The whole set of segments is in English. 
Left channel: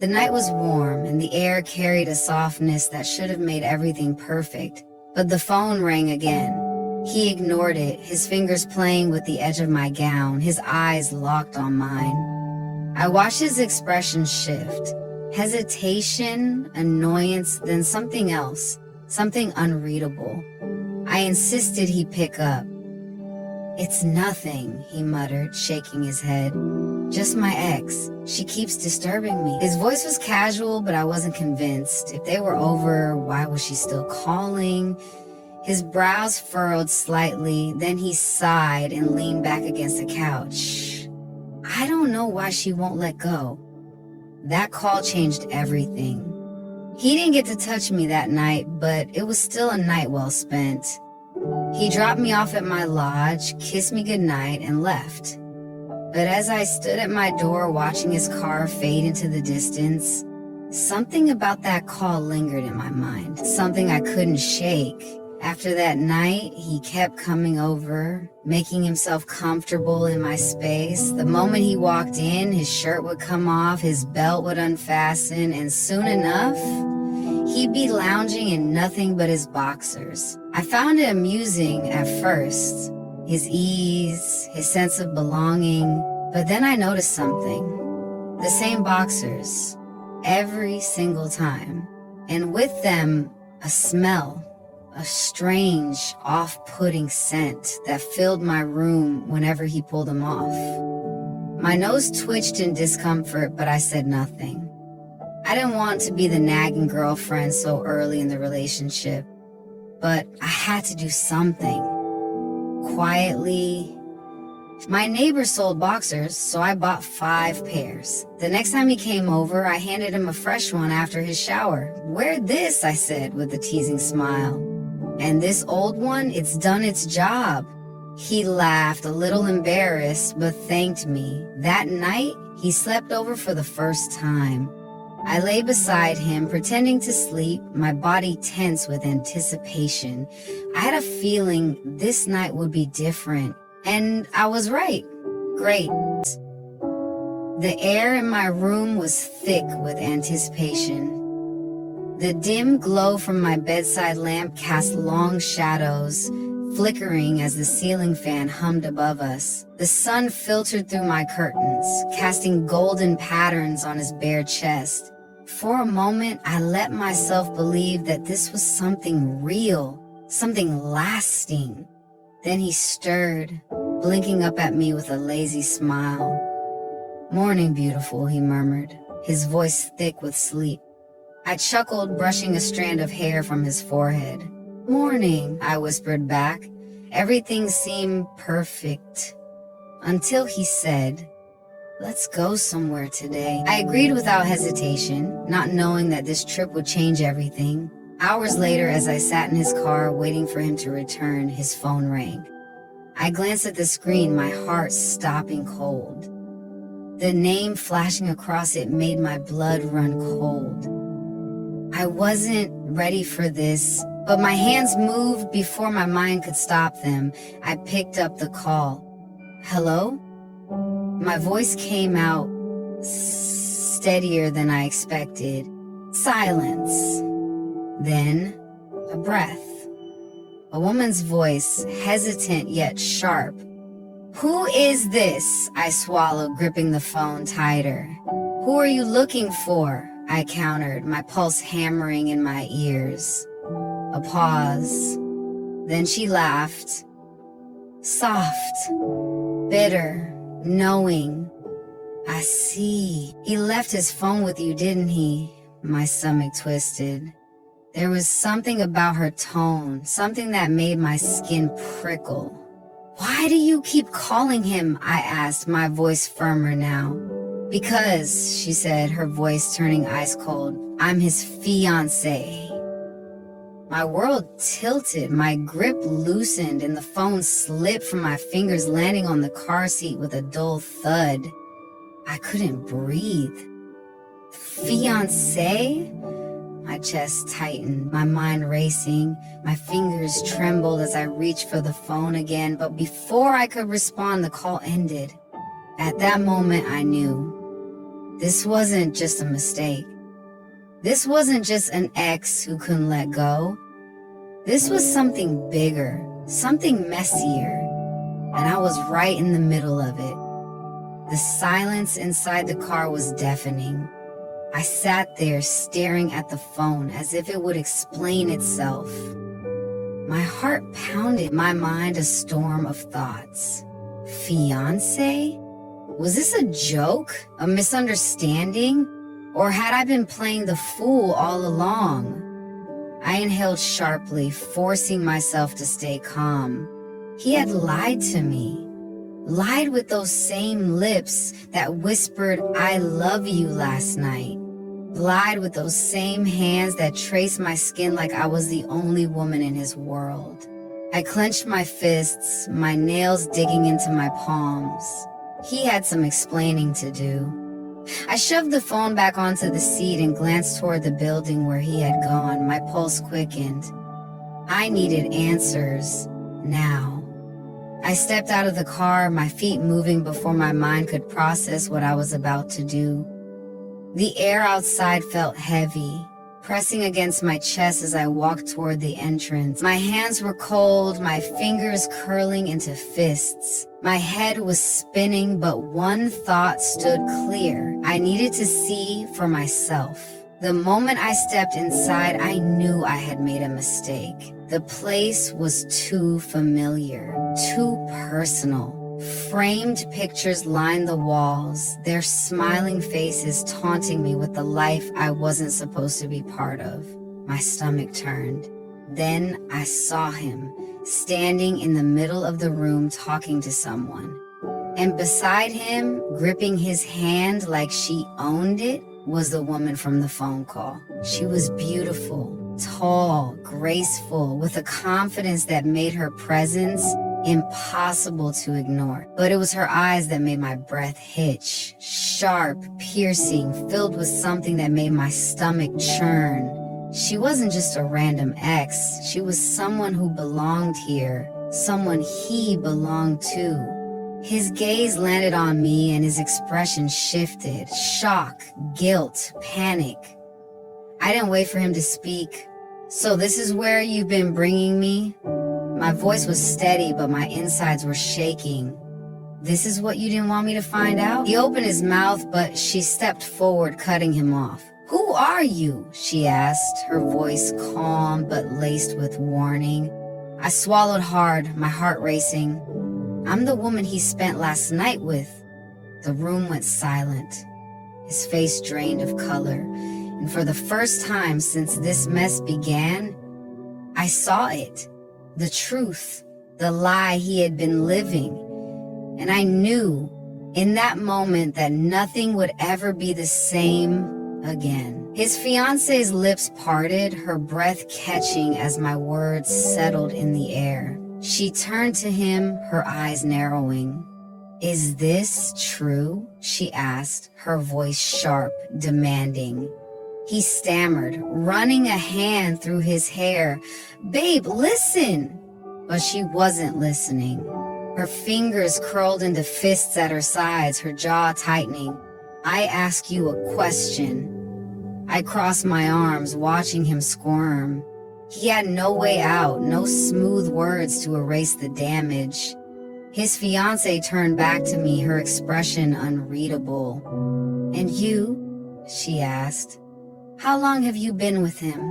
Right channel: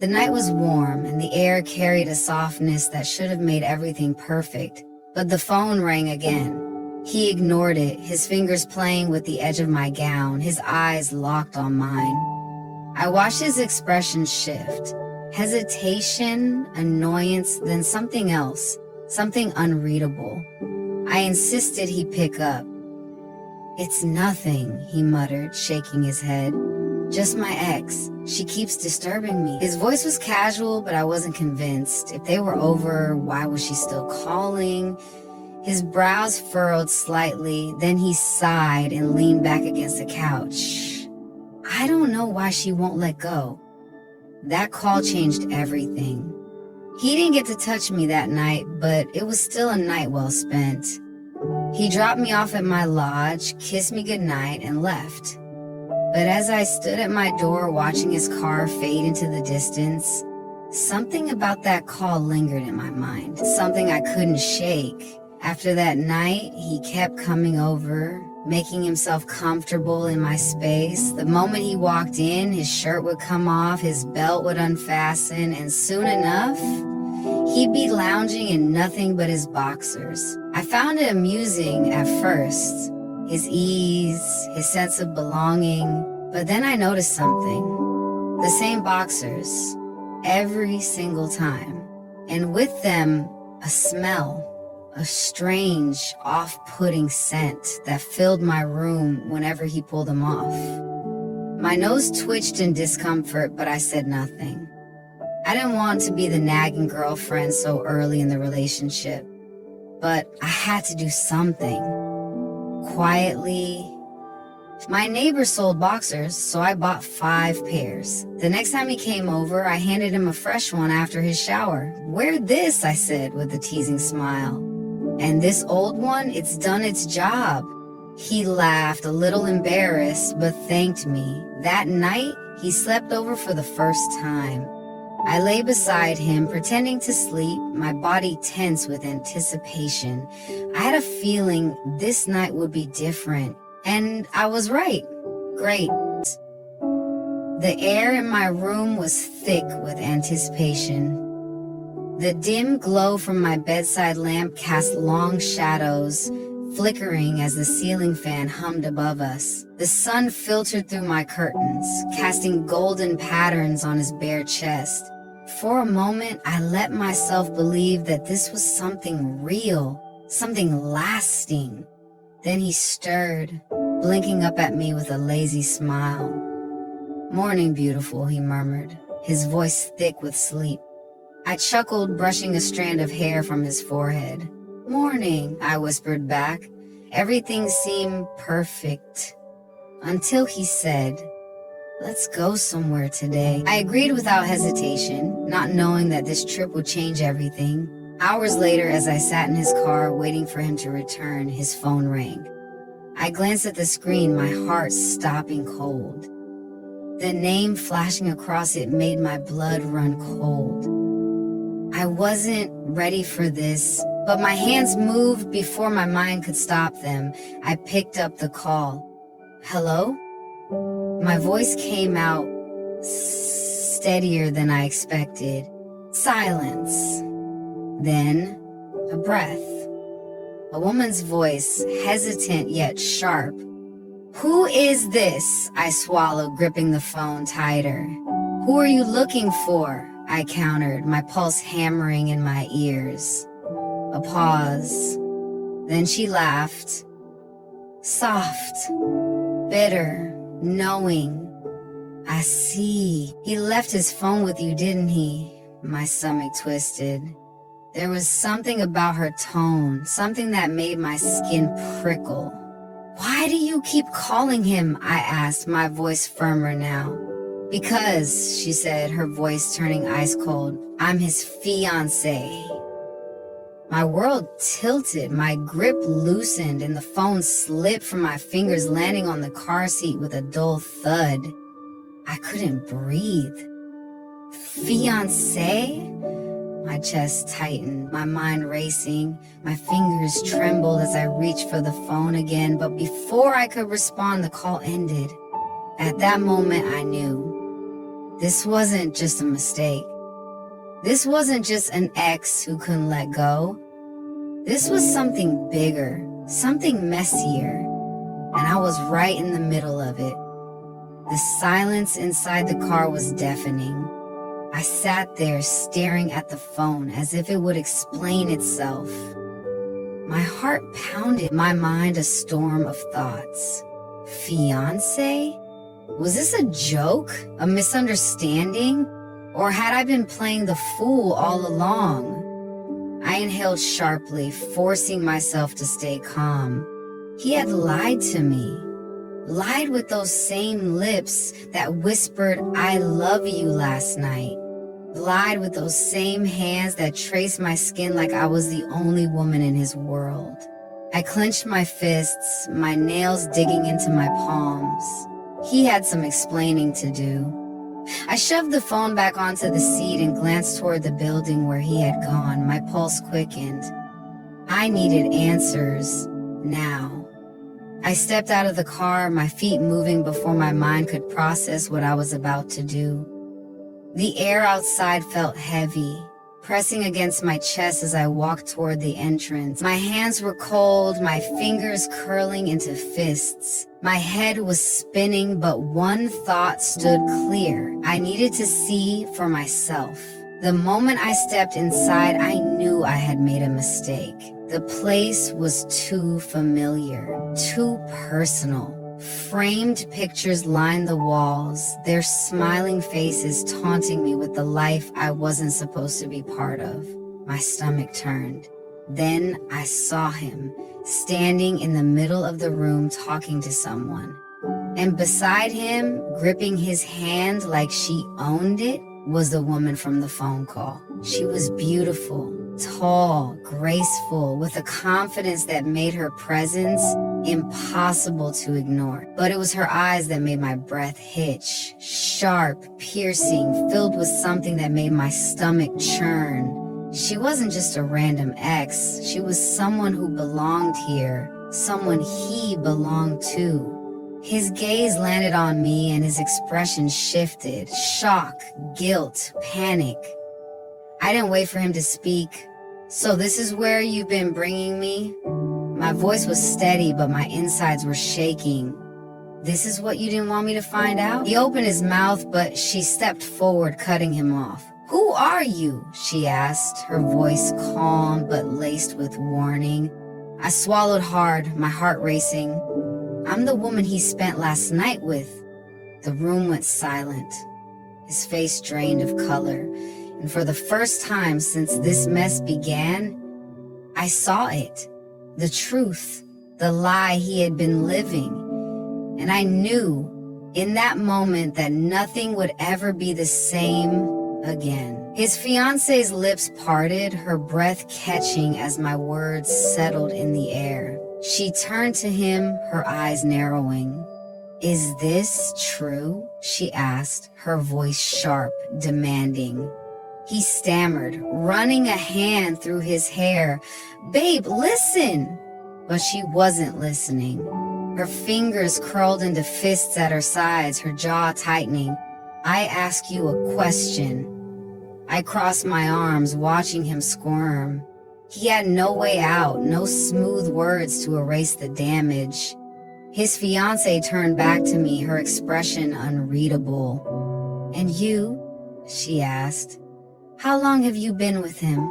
The night was warm, and the air carried a softness that should have made everything perfect. But the phone rang again. He ignored it, his fingers playing with the edge of my gown, his eyes locked on mine. I watched his expression shift. Hesitation, annoyance, then something else, something unreadable. I insisted he pick up. "It's nothing," he muttered, shaking his head. "Just my ex. She keeps disturbing me." His voice was casual, but I wasn't convinced. If they were over, why was she still calling? His brows furrowed slightly, then he sighed and leaned back against the couch. "I don't know why she won't let go." That call changed everything. He didn't get to touch me that night, but it was still a night well spent. He dropped me off at my lodge, kissed me goodnight, and left. But as I stood at my door watching his car fade into the distance, something about that call lingered in my mind, something I couldn't shake. After that night, he kept coming over, making himself comfortable in my space. The moment he walked in, his shirt would come off, his belt would unfasten, and soon enough, he'd be lounging in nothing but his boxers. I found it amusing at first, his ease, his sense of belonging, but then I noticed something. The same boxers, every single time, and with them, a smell. A strange, off-putting scent that filled my room whenever he pulled them off. My nose twitched in discomfort, but I said nothing. I didn't want to be the nagging girlfriend so early in the relationship, but I had to do something. Quietly. My neighbor sold boxers, so I bought 5 pairs. The next time he came over, I handed him a fresh one after his shower. "Wear this," I said with a teasing smile. "And this old one, it's done its job." He laughed, a little embarrassed, but thanked me. That night, he slept over for the first time. I lay beside him, pretending to sleep, my body tense with anticipation. I had a feeling this night would be different, and I was right. Great. The air in my room was thick with anticipation. The dim glow from my bedside lamp cast long shadows, flickering as the ceiling fan hummed above us. The sun filtered through my curtains, casting golden patterns on his bare chest. For a moment, I let myself believe that this was something real, something lasting. Then he stirred, blinking up at me with a lazy smile. "Morning, beautiful," he murmured, his voice thick with sleep. I chuckled, brushing a strand of hair from his forehead. "Morning," I whispered back. Everything seemed perfect. Until he said, "Let's go somewhere today." I agreed without hesitation, not knowing that this trip would change everything. Hours later, as I sat in his car waiting for him to return, his phone rang. I glanced at the screen, my heart stopping cold. The name flashing across it made my blood run cold. I wasn't ready for this, but my hands moved before my mind could stop them. I picked up the call. "Hello?" My voice came out steadier than I expected. Silence. Then, a breath. A woman's voice, hesitant yet sharp. "Who is this?" I swallowed, gripping the phone tighter. "Who are you looking for?" I countered, my pulse hammering in my ears. A pause. Then she laughed. Soft, bitter, knowing. "I see. He left his phone with you, didn't he?" My stomach twisted. There was something about her tone, something that made my skin prickle. "Why do you keep calling him?" I asked, my voice firmer now. "Because," she said, her voice turning ice cold, "I'm his fiancé." My world tilted, my grip loosened, and the phone slipped from my fingers, landing on the car seat with a dull thud. I couldn't breathe. "Fiancé?" My chest tightened, my mind racing. My fingers trembled as I reached for the phone again, but before I could respond, the call ended. At that moment, I knew. This wasn't just a mistake. This wasn't just an ex who couldn't let go. This was something bigger, something messier, and I was right in the middle of it. The silence inside the car was deafening. I sat there staring at the phone as if it would explain itself. My heart pounded, my mind a storm of thoughts. Fiancé? Was this a joke? A misunderstanding? Or had I been playing the fool all along? I inhaled sharply, forcing myself to stay calm. He had lied to me. Lied with those same lips that whispered, "I love you" last night. Lied with those same hands that traced my skin like I was the only woman in his world. I clenched my fists, my nails digging into my palms. He had some explaining to do. I shoved the phone back onto the seat and glanced toward the building where he had gone. My pulse quickened. I needed answers now. I stepped out of the car, my feet moving before my mind could process what I was about to do. The air outside felt heavy, pressing against my chest as I walked toward the entrance. My hands were cold, my fingers curling into fists. My head was spinning, but one thought stood clear. I needed to see for myself. The moment I stepped inside, I knew I had made a mistake. The place was too familiar, too personal. Framed pictures lined the walls, their smiling faces taunting me with the life I wasn't supposed to be part of. My stomach turned. Then I saw him, standing in the middle of the room talking to someone. And beside him, gripping his hand like she owned it, was the woman from the phone call. She was beautiful, tall, graceful, with a confidence that made her presence impossible to ignore. But it was her eyes that made my breath hitch, sharp, piercing, filled with something that made my stomach churn. She wasn't just a random ex, she was someone who belonged here, someone he belonged to. His gaze landed on me and his expression shifted. Shock, guilt, panic. I didn't wait for him to speak. "So this is where you've been bringing me?" My voice was steady, but my insides were shaking. "This is what you didn't want me to find out?" He opened his mouth, but she stepped forward, cutting him off. "Who are you?" she asked, her voice calm but laced with warning. I swallowed hard, my heart racing. "I'm the woman he spent last night with." The room went silent, his face drained of color, and for the first time since this mess began, I saw it. The truth, the lie he had been living. And I knew in that moment that nothing would ever be the same again. His fiancé's lips parted, her breath catching as my words settled in the air. She turned to him, her eyes narrowing. "Is this true?" she asked, her voice sharp, demanding. He stammered, running a hand through his hair. "Babe, listen!" But she wasn't listening. Her fingers curled into fists at her sides, her jaw tightening. "I ask you a question." I crossed my arms, watching him squirm. He had no way out, no smooth words to erase the damage. His fiancée turned back to me, her expression unreadable. "And you?" she asked. "How long have you been with him?"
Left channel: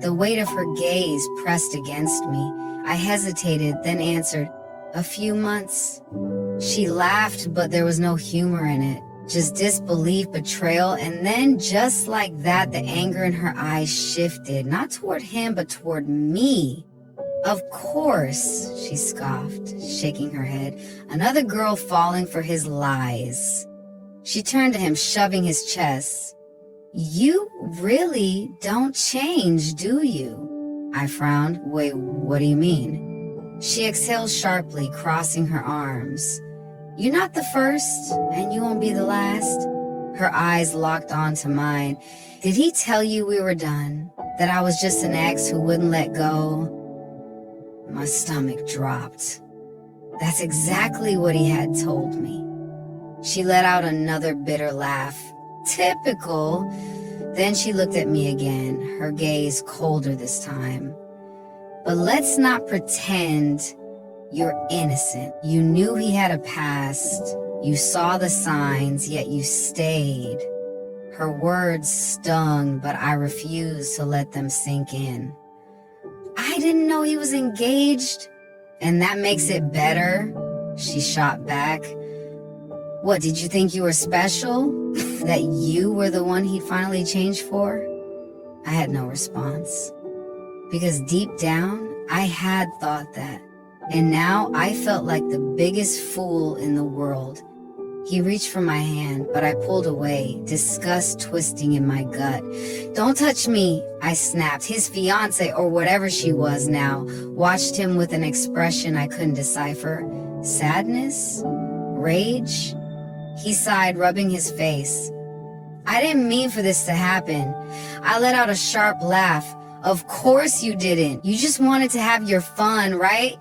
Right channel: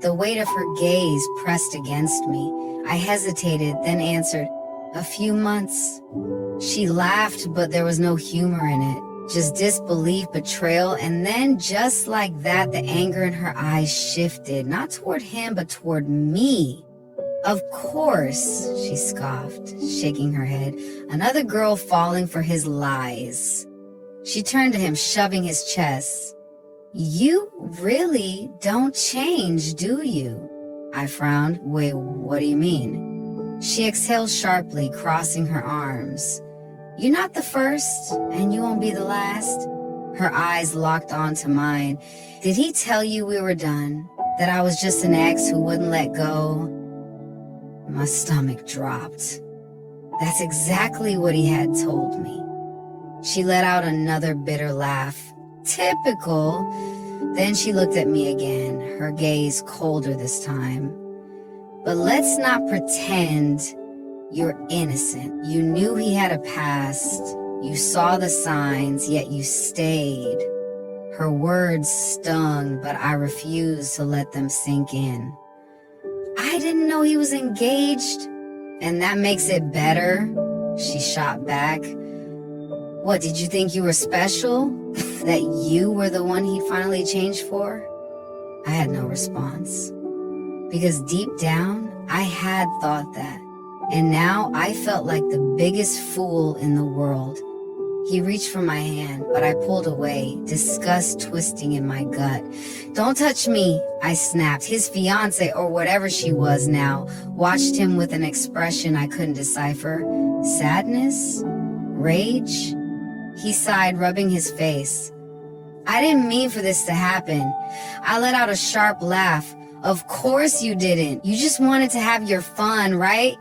The weight of her gaze pressed against me. I hesitated, then answered, "A few months." She laughed, but there was no humor in it, just disbelief, betrayal, and then just like that, the anger in her eyes shifted, not toward him, but toward me. "Of course," she scoffed, shaking her head. "Another girl falling for his lies." She turned to him, shoving his chest. "You really don't change, do you?" I frowned. "Wait, what do you mean?" She exhaled sharply, crossing her arms. "You're not the first, and you won't be the last." Her eyes locked onto mine. "Did he tell you we were done? That I was just an ex who wouldn't let go?" My stomach dropped. That's exactly what he had told me. She let out another bitter laugh. Typical. Then she looked at me again, her gaze colder this time. But let's not pretend you're innocent. You knew he had a past. You saw the signs, yet you stayed. Her words stung, but I refused to let them sink in. I didn't know he was engaged. And that makes it better, she shot back. What, did you think you were special? That you were the one he'd finally changed for? I had no response. Because deep down, I had thought that. And now I felt like the biggest fool in the world. He reached for my hand, but I pulled away, disgust twisting in my gut. Don't touch me, I snapped. His fiance, or whatever she was now, watched him with an expression I couldn't decipher. Sadness? Rage? He sighed, rubbing his face. I didn't mean for this to happen. I let out a sharp laugh. Of course you didn't. You just wanted to have your fun, right?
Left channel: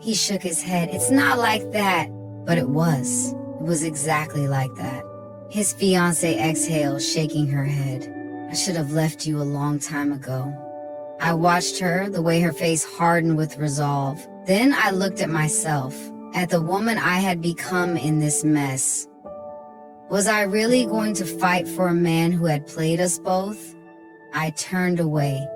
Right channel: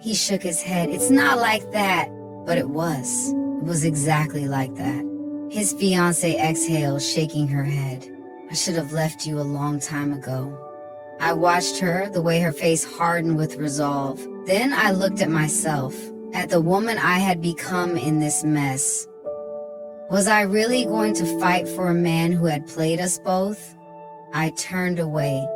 He shook his head. It's not like that. But it was. It was exactly like that. His fiancée exhaled, shaking her head. I should have left you a long time ago. I watched her, the way her face hardened with resolve. Then I looked at myself, at the woman I had become in this mess. Was I really going to fight for a man who had played us both? I turned away.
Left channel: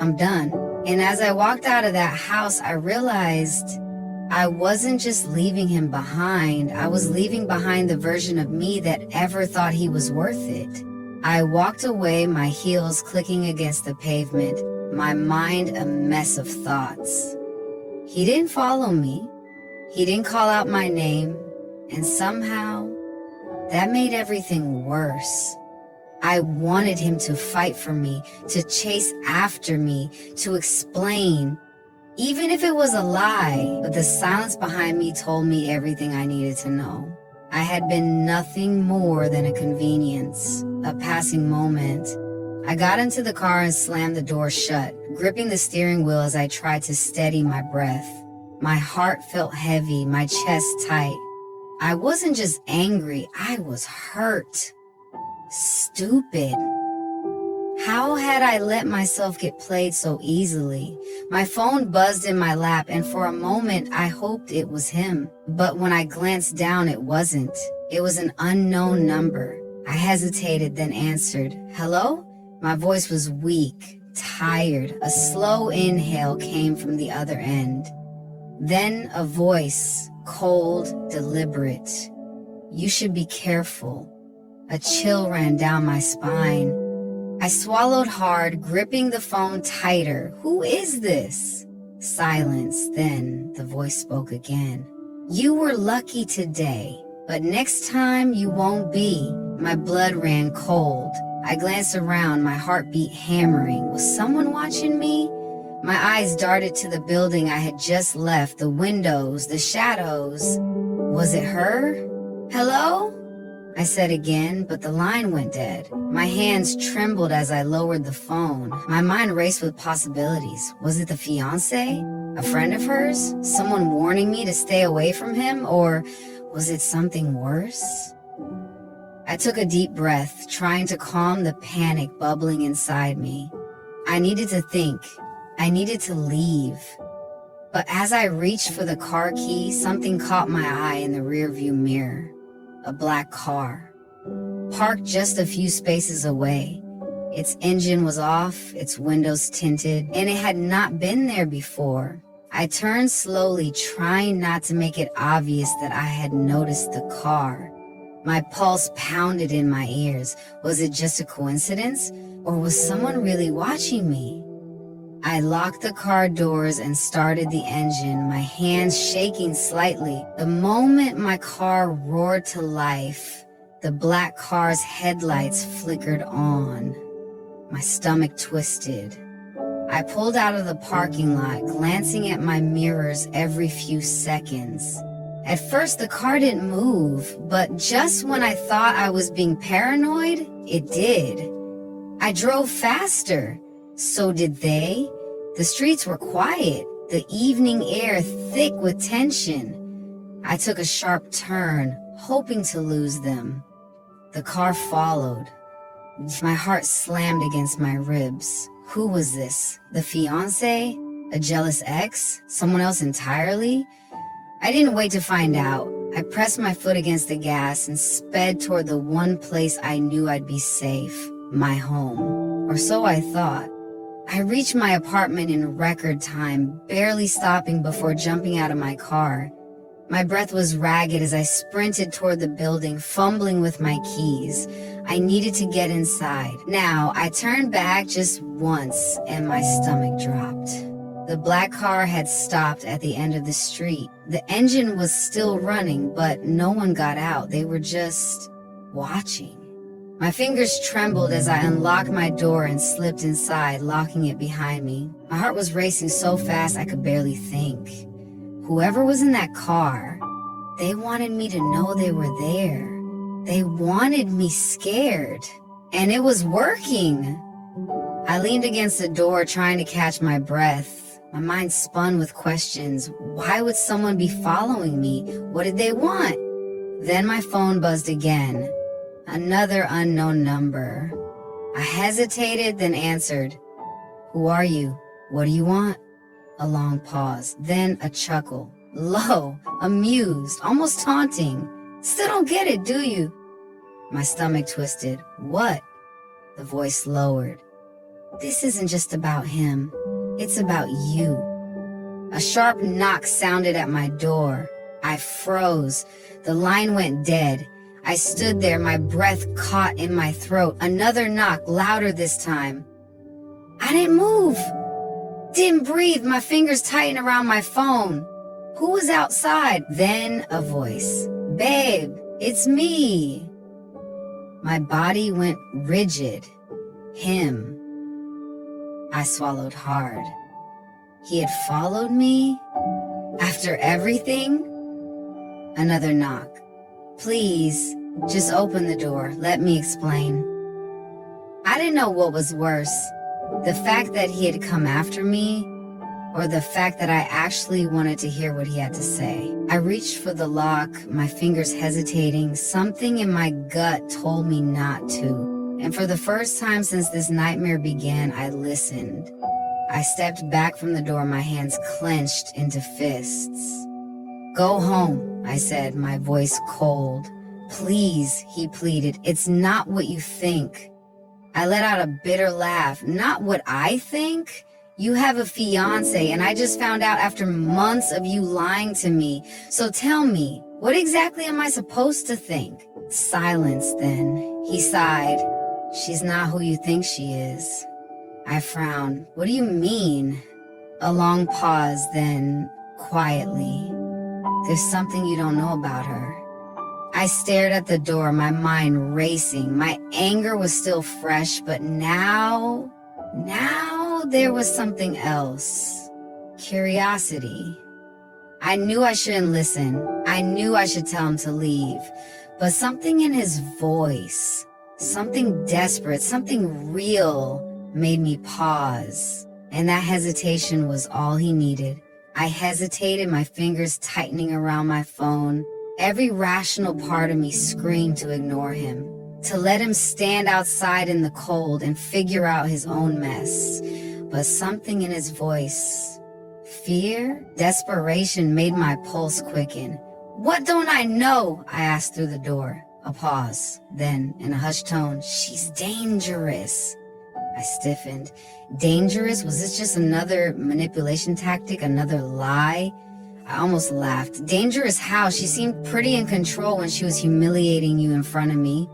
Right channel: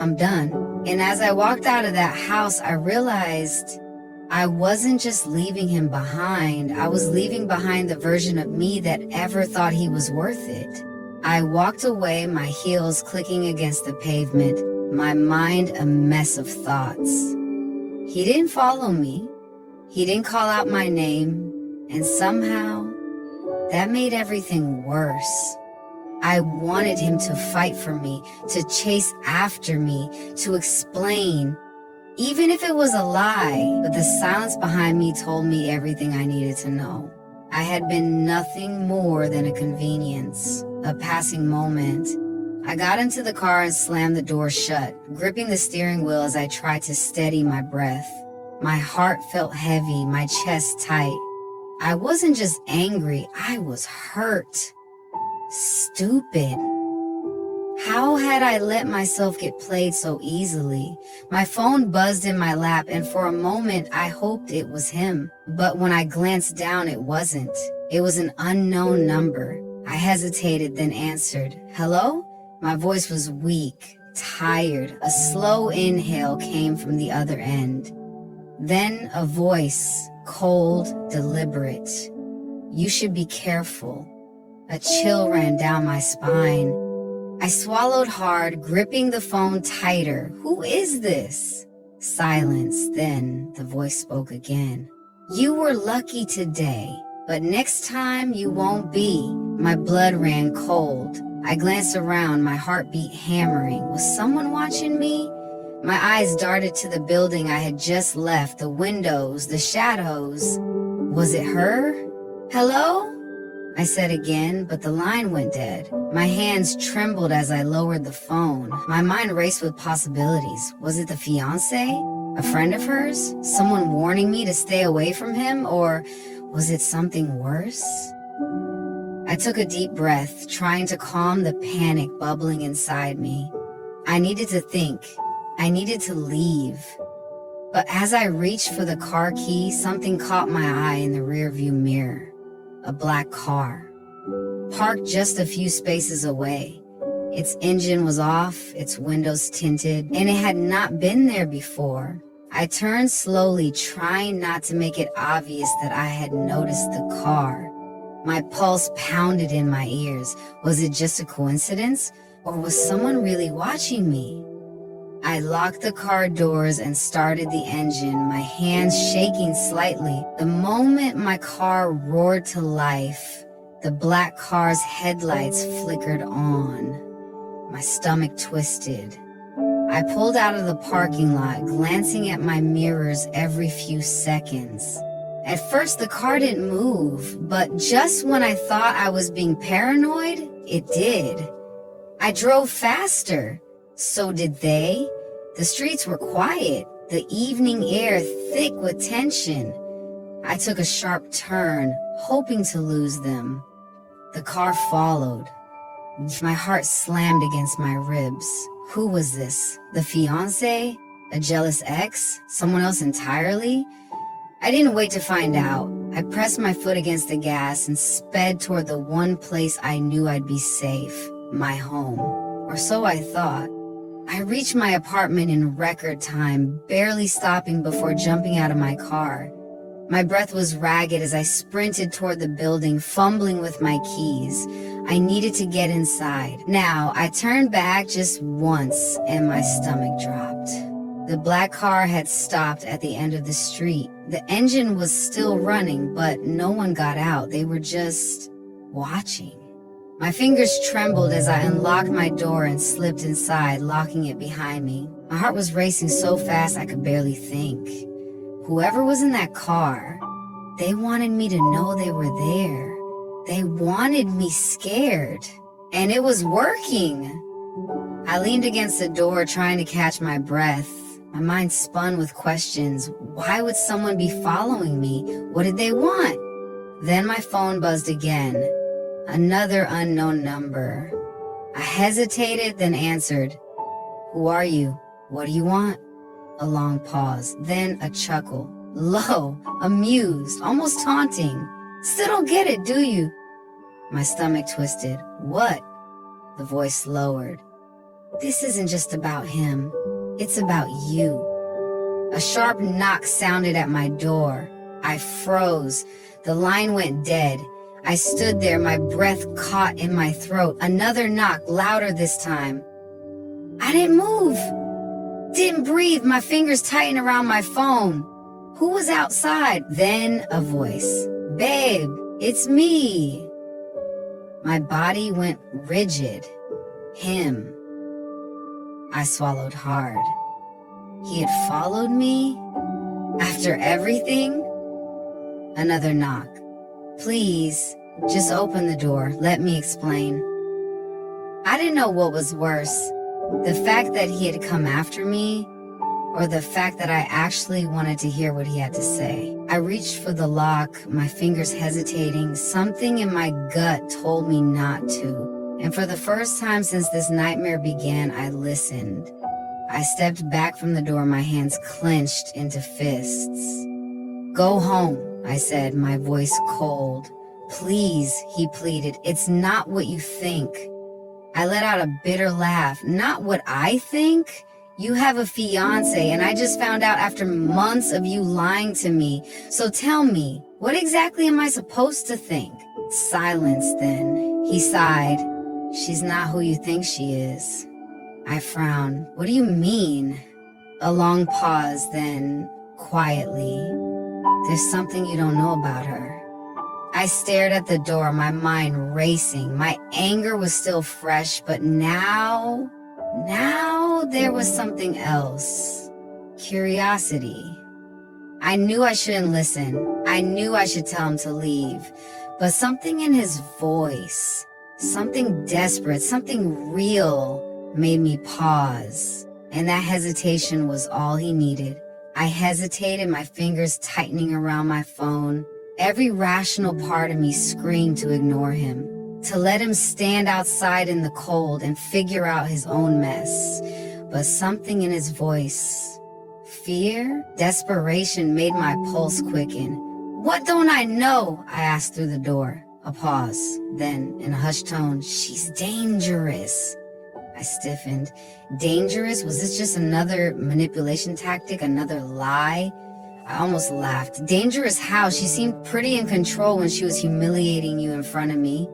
I'm done. And as I walked out of that house, I realized I wasn't just leaving him behind. I was leaving behind the version of me that ever thought he was worth it. I walked away, my heels clicking against the pavement, my mind a mess of thoughts. He didn't follow me. He didn't call out my name. And somehow, that made everything worse. I wanted him to fight for me, to chase after me, to explain, even if it was a lie, but the silence behind me told me everything I needed to know. I had been nothing more than a convenience, a passing moment. I got into the car and slammed the door shut, gripping the steering wheel as I tried to steady my breath. My heart felt heavy, my chest tight. I wasn't just angry, I was hurt. Stupid. How had I let myself get played so easily? My phone buzzed in my lap, and for a moment I hoped it was him. But when I glanced down, it wasn't. It was an unknown number. I hesitated, then answered. Hello? My voice was weak, tired. A slow inhale came from the other end. Then a voice, cold, deliberate. You should be careful. A chill ran down my spine. I swallowed hard, gripping the phone tighter. Who is this? Silence. Then the voice spoke again. You were lucky today, but next time you won't be. My blood ran cold. I glanced around, my heartbeat hammering. Was someone watching me? My eyes darted to the building I had just left, the windows, the shadows. Was it her? Hello? I said again, but the line went dead. My hands trembled as I lowered the phone. My mind raced with possibilities. Was it the fiancé? A friend of hers? Someone warning me to stay away from him? Or was it something worse? I took a deep breath, trying to calm the panic bubbling inside me. I needed to think. I needed to leave. But as I reached for the car key, something caught my eye in the rearview mirror. A black car, parked just a few spaces away. Its engine was off, its windows tinted, and it had not been there before. I turned slowly, trying not to make it obvious that I had noticed the car. My pulse pounded in my ears. Was it just a coincidence, or was someone really watching me? I locked the car doors and started the engine, my hands shaking slightly. The moment my car roared to life, the black car's headlights flickered on. My stomach twisted. I pulled out of the parking lot, glancing at my mirrors every few seconds. At first, the car didn't move, but just when I thought I was being paranoid, it did. I drove faster. So did they. The streets were quiet, the evening air thick with tension. I took a sharp turn, hoping to lose them. The car followed. My heart slammed against my ribs. Who was this? The fiancé? A jealous ex? Someone else entirely? I didn't wait to find out. I pressed my foot against the gas and sped toward the one place I knew I'd be safe, my home. Or so I thought. I reached my apartment in record time, barely stopping before jumping out of my car. My breath was ragged as I sprinted toward the building, fumbling with my keys. I needed to get inside. Now, I turned back just once and my stomach dropped. The black car had stopped at the end of the street. The engine was still running, but no one got out. They were just watching. My fingers trembled as I unlocked my door and slipped inside, locking it behind me. My heart was racing so fast I could barely think. Whoever was in that car, they wanted me to know they were there. They wanted me scared. And it was working. I leaned against the door trying to catch my breath. My mind spun with questions. Why would someone be following me? What did they want? Then my phone buzzed again. Another unknown number. I hesitated, then answered. Who are you? What do you want? A long pause, then a chuckle. Low, amused, almost taunting. Still don't get it, do you? My stomach twisted. What? The voice lowered. This isn't just about him. It's about you. A sharp knock sounded at my door. I froze. The line went dead. I stood there, my breath caught in my throat. Another knock, louder this time. I didn't move. Didn't breathe, my fingers tightened around my phone. Who was outside? Then a voice. Babe, it's me. My body went rigid. Him. I swallowed hard. He had followed me? After everything? Another knock. Please, just open the door. Let me explain. I didn't know what was worse. The fact that he had come after me, or the fact that I actually wanted to hear what he had to say. I reached for the lock, my fingers hesitating. Something in my gut told me not to. And for the first time since this nightmare began, I listened. I stepped back from the door, my hands clenched into fists. Go home, I said, my voice cold. Please, he pleaded, it's not what you think. I let out a bitter laugh. Not what I think? You have a fiancé, and I just found out after months of you lying to me. So tell me, what exactly am I supposed to think? Silence then. He sighed. She's not who you think she is. I frowned. What do you mean? A long pause, then, quietly. There's something you don't know about her. I stared at the door, my mind racing. My anger was still fresh, but now there was something else. Curiosity. I knew I shouldn't listen. I knew I should tell him to leave. But something in his voice, something desperate, something real, made me pause. And that hesitation was all he needed. I hesitated, my fingers tightening around my phone. Every rational part of me screamed to ignore him, to let him stand outside in the cold and figure out his own mess. But something in his voice, fear, desperation, made my pulse quicken. What don't I know? I asked through the door. A pause. Then, in a hushed tone, she's dangerous. I stiffened. Dangerous? Was this just another manipulation tactic, another lie? I almost laughed. Dangerous how? She seemed pretty in control when she was humiliating you in front of me.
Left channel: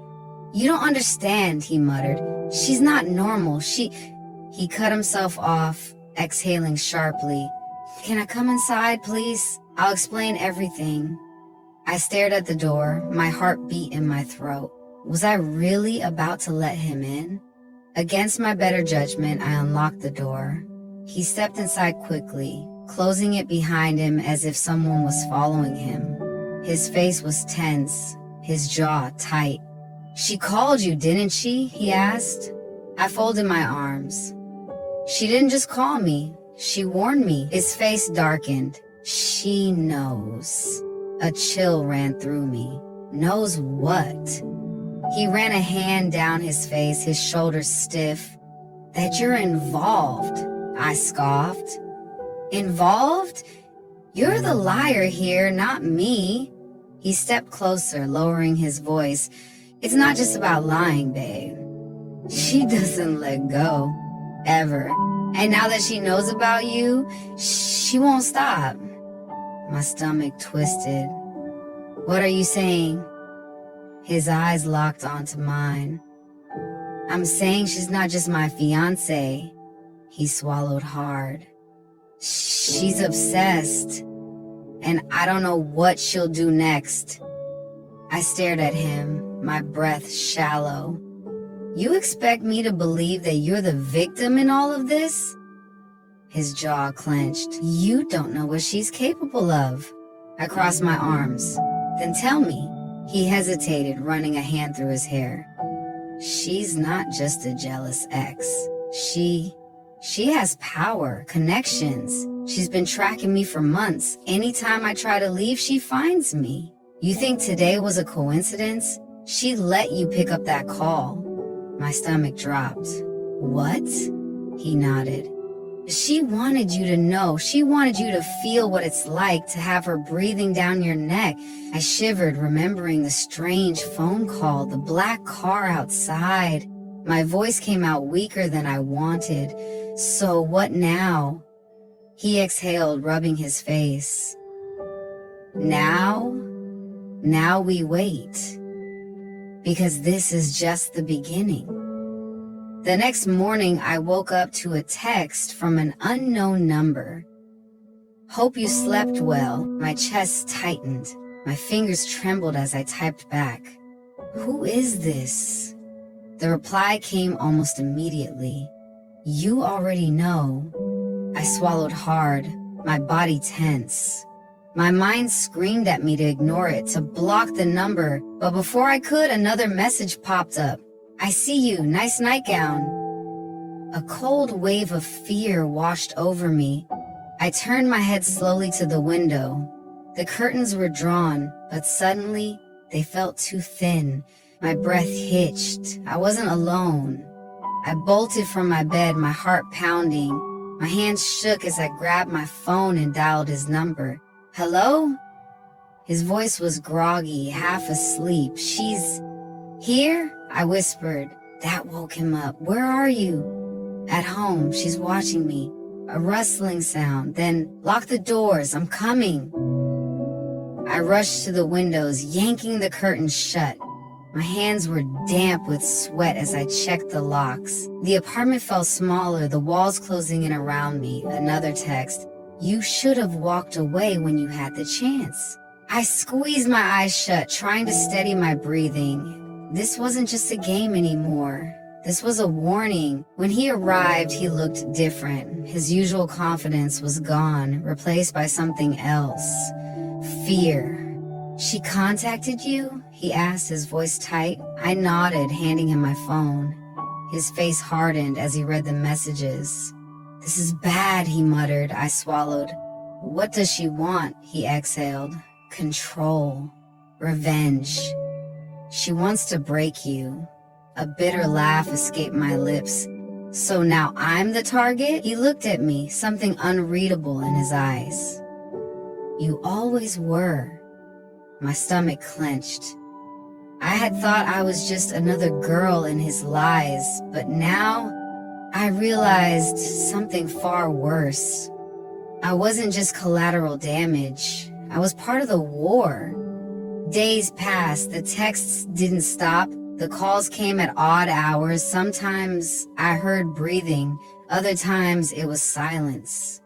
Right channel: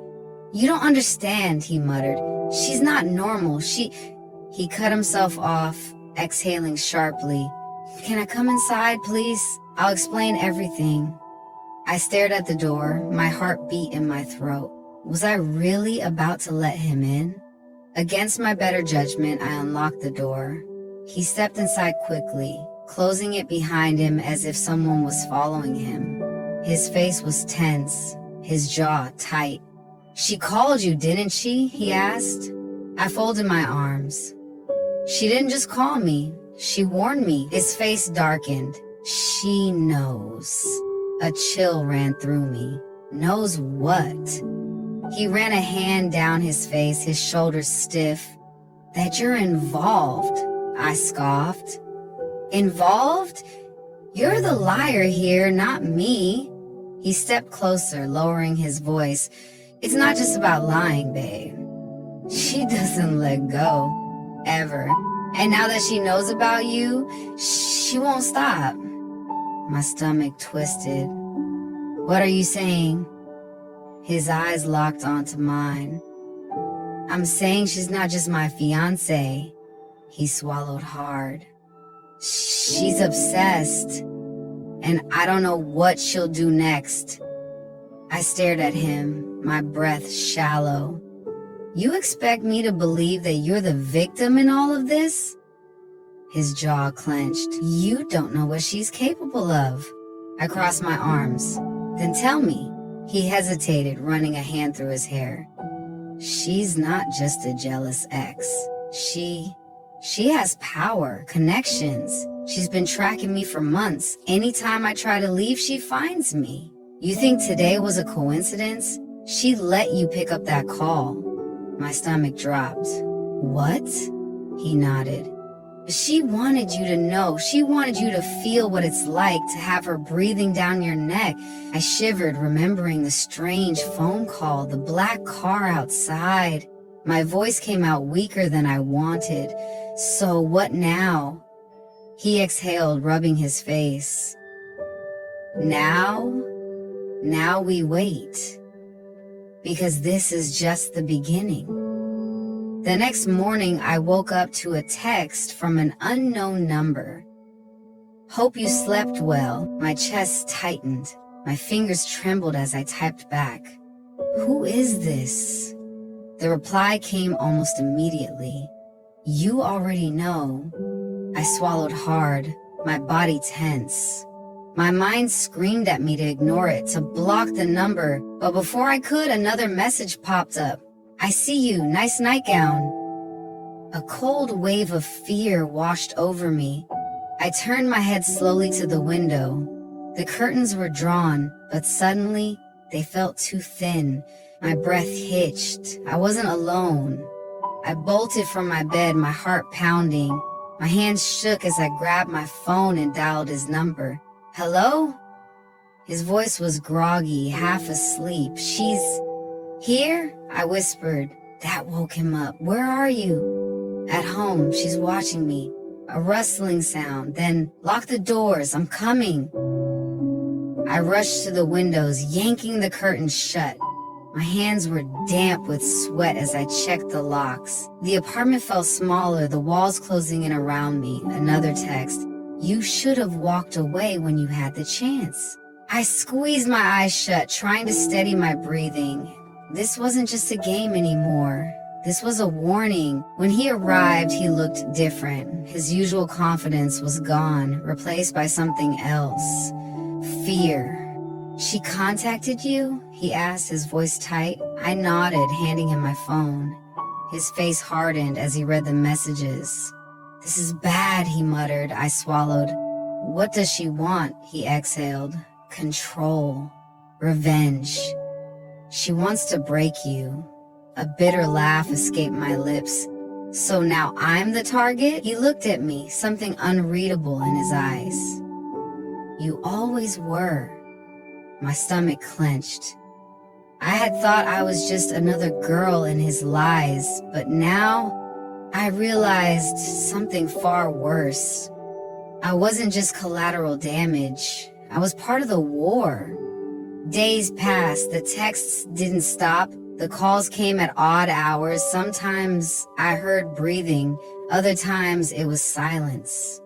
You don't understand, he muttered. She's not normal. He cut himself off, exhaling sharply. Can I come inside, please? I'll explain everything. I stared at the door, my heart beat in my throat. Was I really about to let him in? Against my better judgment, I unlocked the door. He stepped inside quickly, closing it behind him as if someone was following him. His face was tense, his jaw tight. She called you, didn't she? He asked. I folded my arms. She didn't just call me, she warned me. His face darkened. She knows. A chill ran through me. Knows what? He ran a hand down his face, his shoulders stiff. That you're involved, I scoffed. Involved? You're the liar here, not me. He stepped closer, lowering his voice. It's not just about lying, babe. She doesn't let go, ever. And now that she knows about you, she won't stop. My stomach twisted. What are you saying? His eyes locked onto mine. I'm saying she's not just my fiancé. He swallowed hard. She's obsessed, and I don't know what she'll do next. I stared at him, my breath shallow. You expect me to believe that you're the victim in all of this? His jaw clenched. You don't know what she's capable of. I crossed my arms. Then tell me. He hesitated, running a hand through his hair. She's not just a jealous ex. She has power, connections. She's been tracking me for months. Anytime I try to leave, she finds me. You think today was a coincidence? She let you pick up that call. My stomach dropped. What? He nodded. She wanted you to know. She wanted you to feel what it's like to have her breathing down your neck. I shivered, remembering the strange phone call, the black car outside. My voice came out weaker than I wanted. So what now? He exhaled, rubbing his face. Now we wait. Because this is just the beginning. The next morning, I woke up to a text from an unknown number. Hope you slept well. My chest tightened. My fingers trembled as I typed back. Who is this? The reply came almost immediately. You already know. I swallowed hard, my body tense. My mind screamed at me to ignore it, to block the number, but before I could, another message popped up. I see you, nice nightgown. A cold wave of fear washed over me. I turned my head slowly to the window. The curtains were drawn, but suddenly they felt too thin. My breath hitched. I wasn't alone. I bolted from my bed, my heart pounding. My hands shook as I grabbed my phone and dialed his number. Hello? His voice was groggy, half asleep. She's here? I whispered. That woke him up. Where are you? At home. She's watching me. A rustling sound. Then lock the doors. I'm coming. I rushed to the windows, yanking the curtains shut. My hands were damp with sweat as I checked the locks. The apartment felt smaller, the walls closing in around me. Another text. You should have walked away when you had the chance. I squeezed my eyes shut, trying to steady my breathing. This wasn't just a game anymore. This was a warning. When he arrived, he looked different. His usual confidence was gone, replaced by something else. Fear. She contacted you? He asked, his voice tight. I nodded, handing him my phone. His face hardened as he read the messages. This is bad, he muttered. I swallowed. What does she want? He exhaled. Control. Revenge. She wants to break you. A bitter laugh escaped my lips. So now I'm the target? He looked at me, something unreadable in his eyes. You always were. My stomach clenched. I had thought I was just another girl in his lies, but now I realized something far worse. I wasn't just collateral damage. I was part of the war. Days passed, the texts didn't stop. The calls came at odd hours. Sometimes I heard breathing, other times it was silence.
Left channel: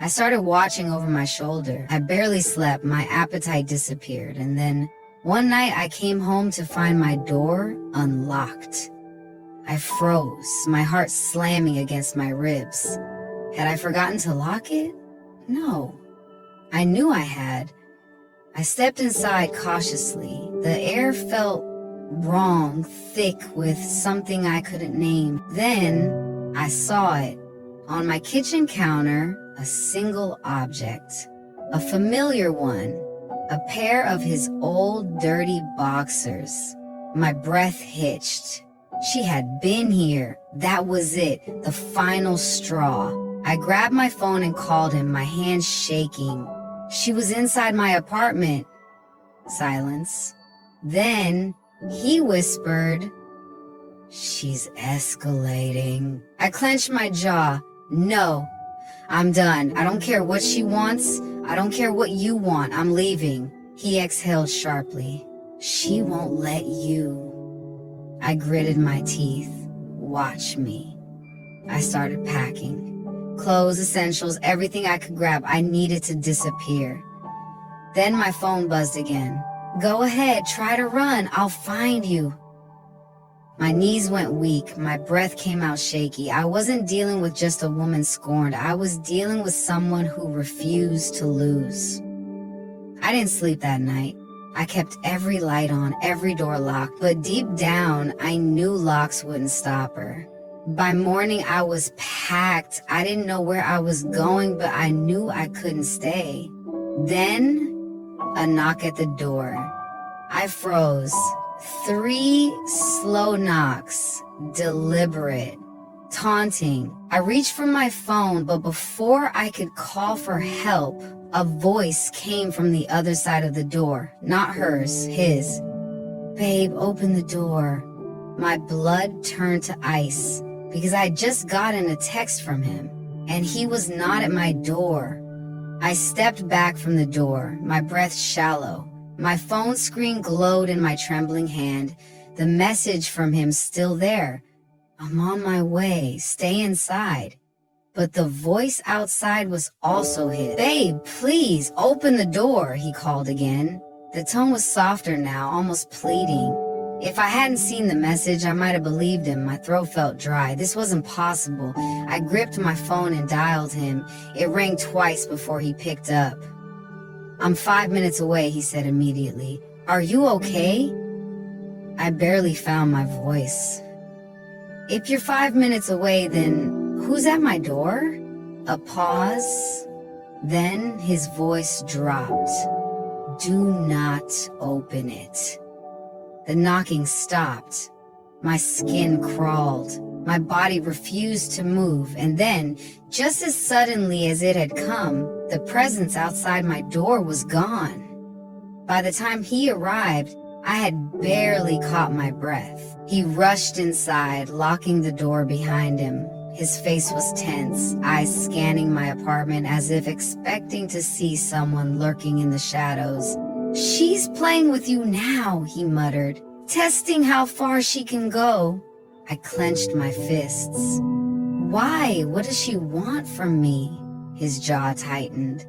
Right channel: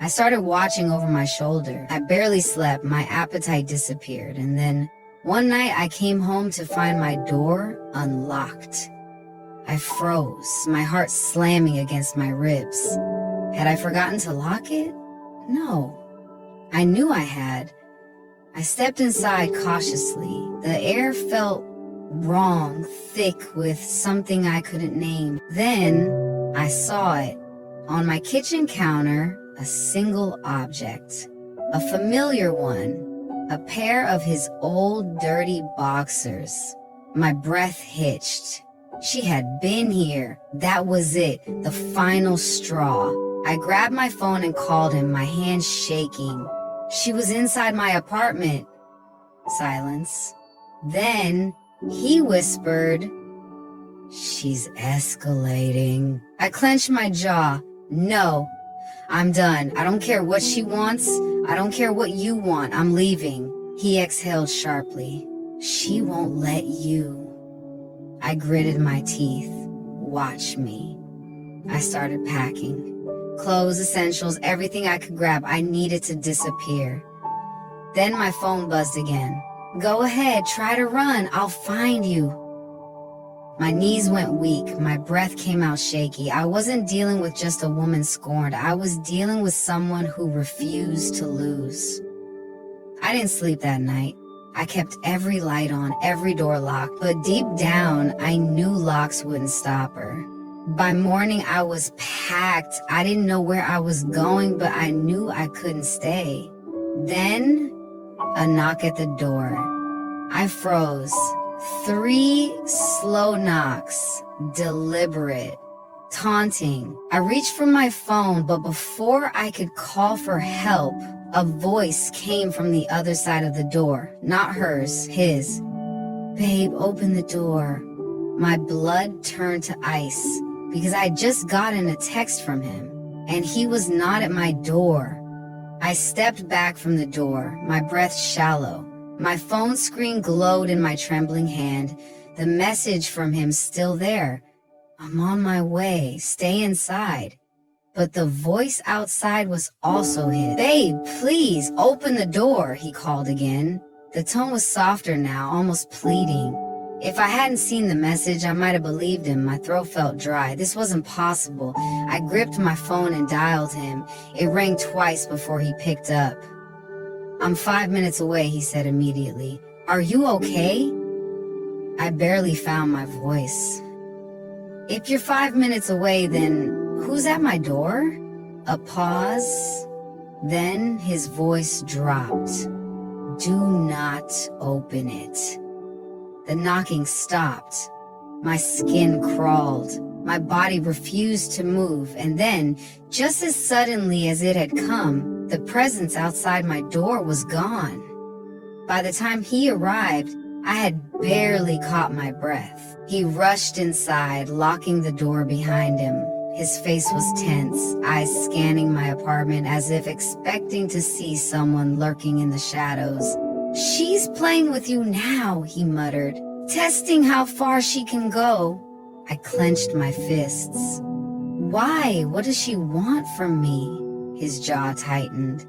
I started watching over my shoulder. I barely slept, my appetite disappeared, and then one night I came home to find my door unlocked. I froze, my heart slamming against my ribs. Had I forgotten to lock it? No. I knew I had. I stepped inside cautiously. The air felt wrong, thick with something I couldn't name. Then I saw it. On my kitchen counter, a single object. A familiar one. A pair of his old dirty boxers. My breath hitched. She had been here. That was it, the final straw. I grabbed my phone and called him, my hands shaking. She was inside my apartment. Silence. Then he whispered, "She's escalating." I clenched my jaw. No, I'm done. I don't care what she wants. I don't care what you want. I'm leaving. He exhaled sharply. She won't let you. I gritted my teeth. Watch me. I started packing. Clothes, essentials, everything I could grab. I needed to disappear. Then my phone buzzed again. "Go ahead, try to run. I'll find you." My knees went weak. My breath came out shaky. I wasn't dealing with just a woman scorned. I was dealing with someone who refused to lose. I didn't sleep that night. I kept every light on, every door locked, but deep down, I knew locks wouldn't stop her. By morning, I was packed. I didn't know where I was going, but I knew I couldn't stay. Then, a knock at the door. I froze. 3 slow knocks, deliberate, taunting. I reached for my phone, but before I could call for help, a voice came from the other side of the door. Not hers, his. "Babe, open the door." My blood turned to ice because I had just gotten a text from him, and he was not at my door. I stepped back from the door, my breath shallow. My phone screen glowed in my trembling hand, the message from him still there. "I'm on my way, stay inside." But the voice outside was also his. "Babe, please, open the door," he called again. The tone was softer now, almost pleading. If I hadn't seen the message, I might have believed him. My throat felt dry. This wasn't possible. I gripped my phone and dialed him. It rang twice before he picked up. "I'm 5 minutes away," he said immediately. "Are you okay?" I barely found my voice. "If you're 5 minutes away, then who's at my door?" A pause. Then his voice dropped. "Do not open it." The knocking stopped. My skin crawled. My body refused to move, and then, just as suddenly as it had come, the presence outside my door was gone. By the time he arrived, I had barely caught my breath. He rushed inside, locking the door behind him. His face was tense, eyes scanning my apartment as if expecting to see someone lurking in the shadows. "She's playing with you now," he muttered, "testing how far she can go." I clenched my fists. "Why? What does she want from me?" His jaw tightened.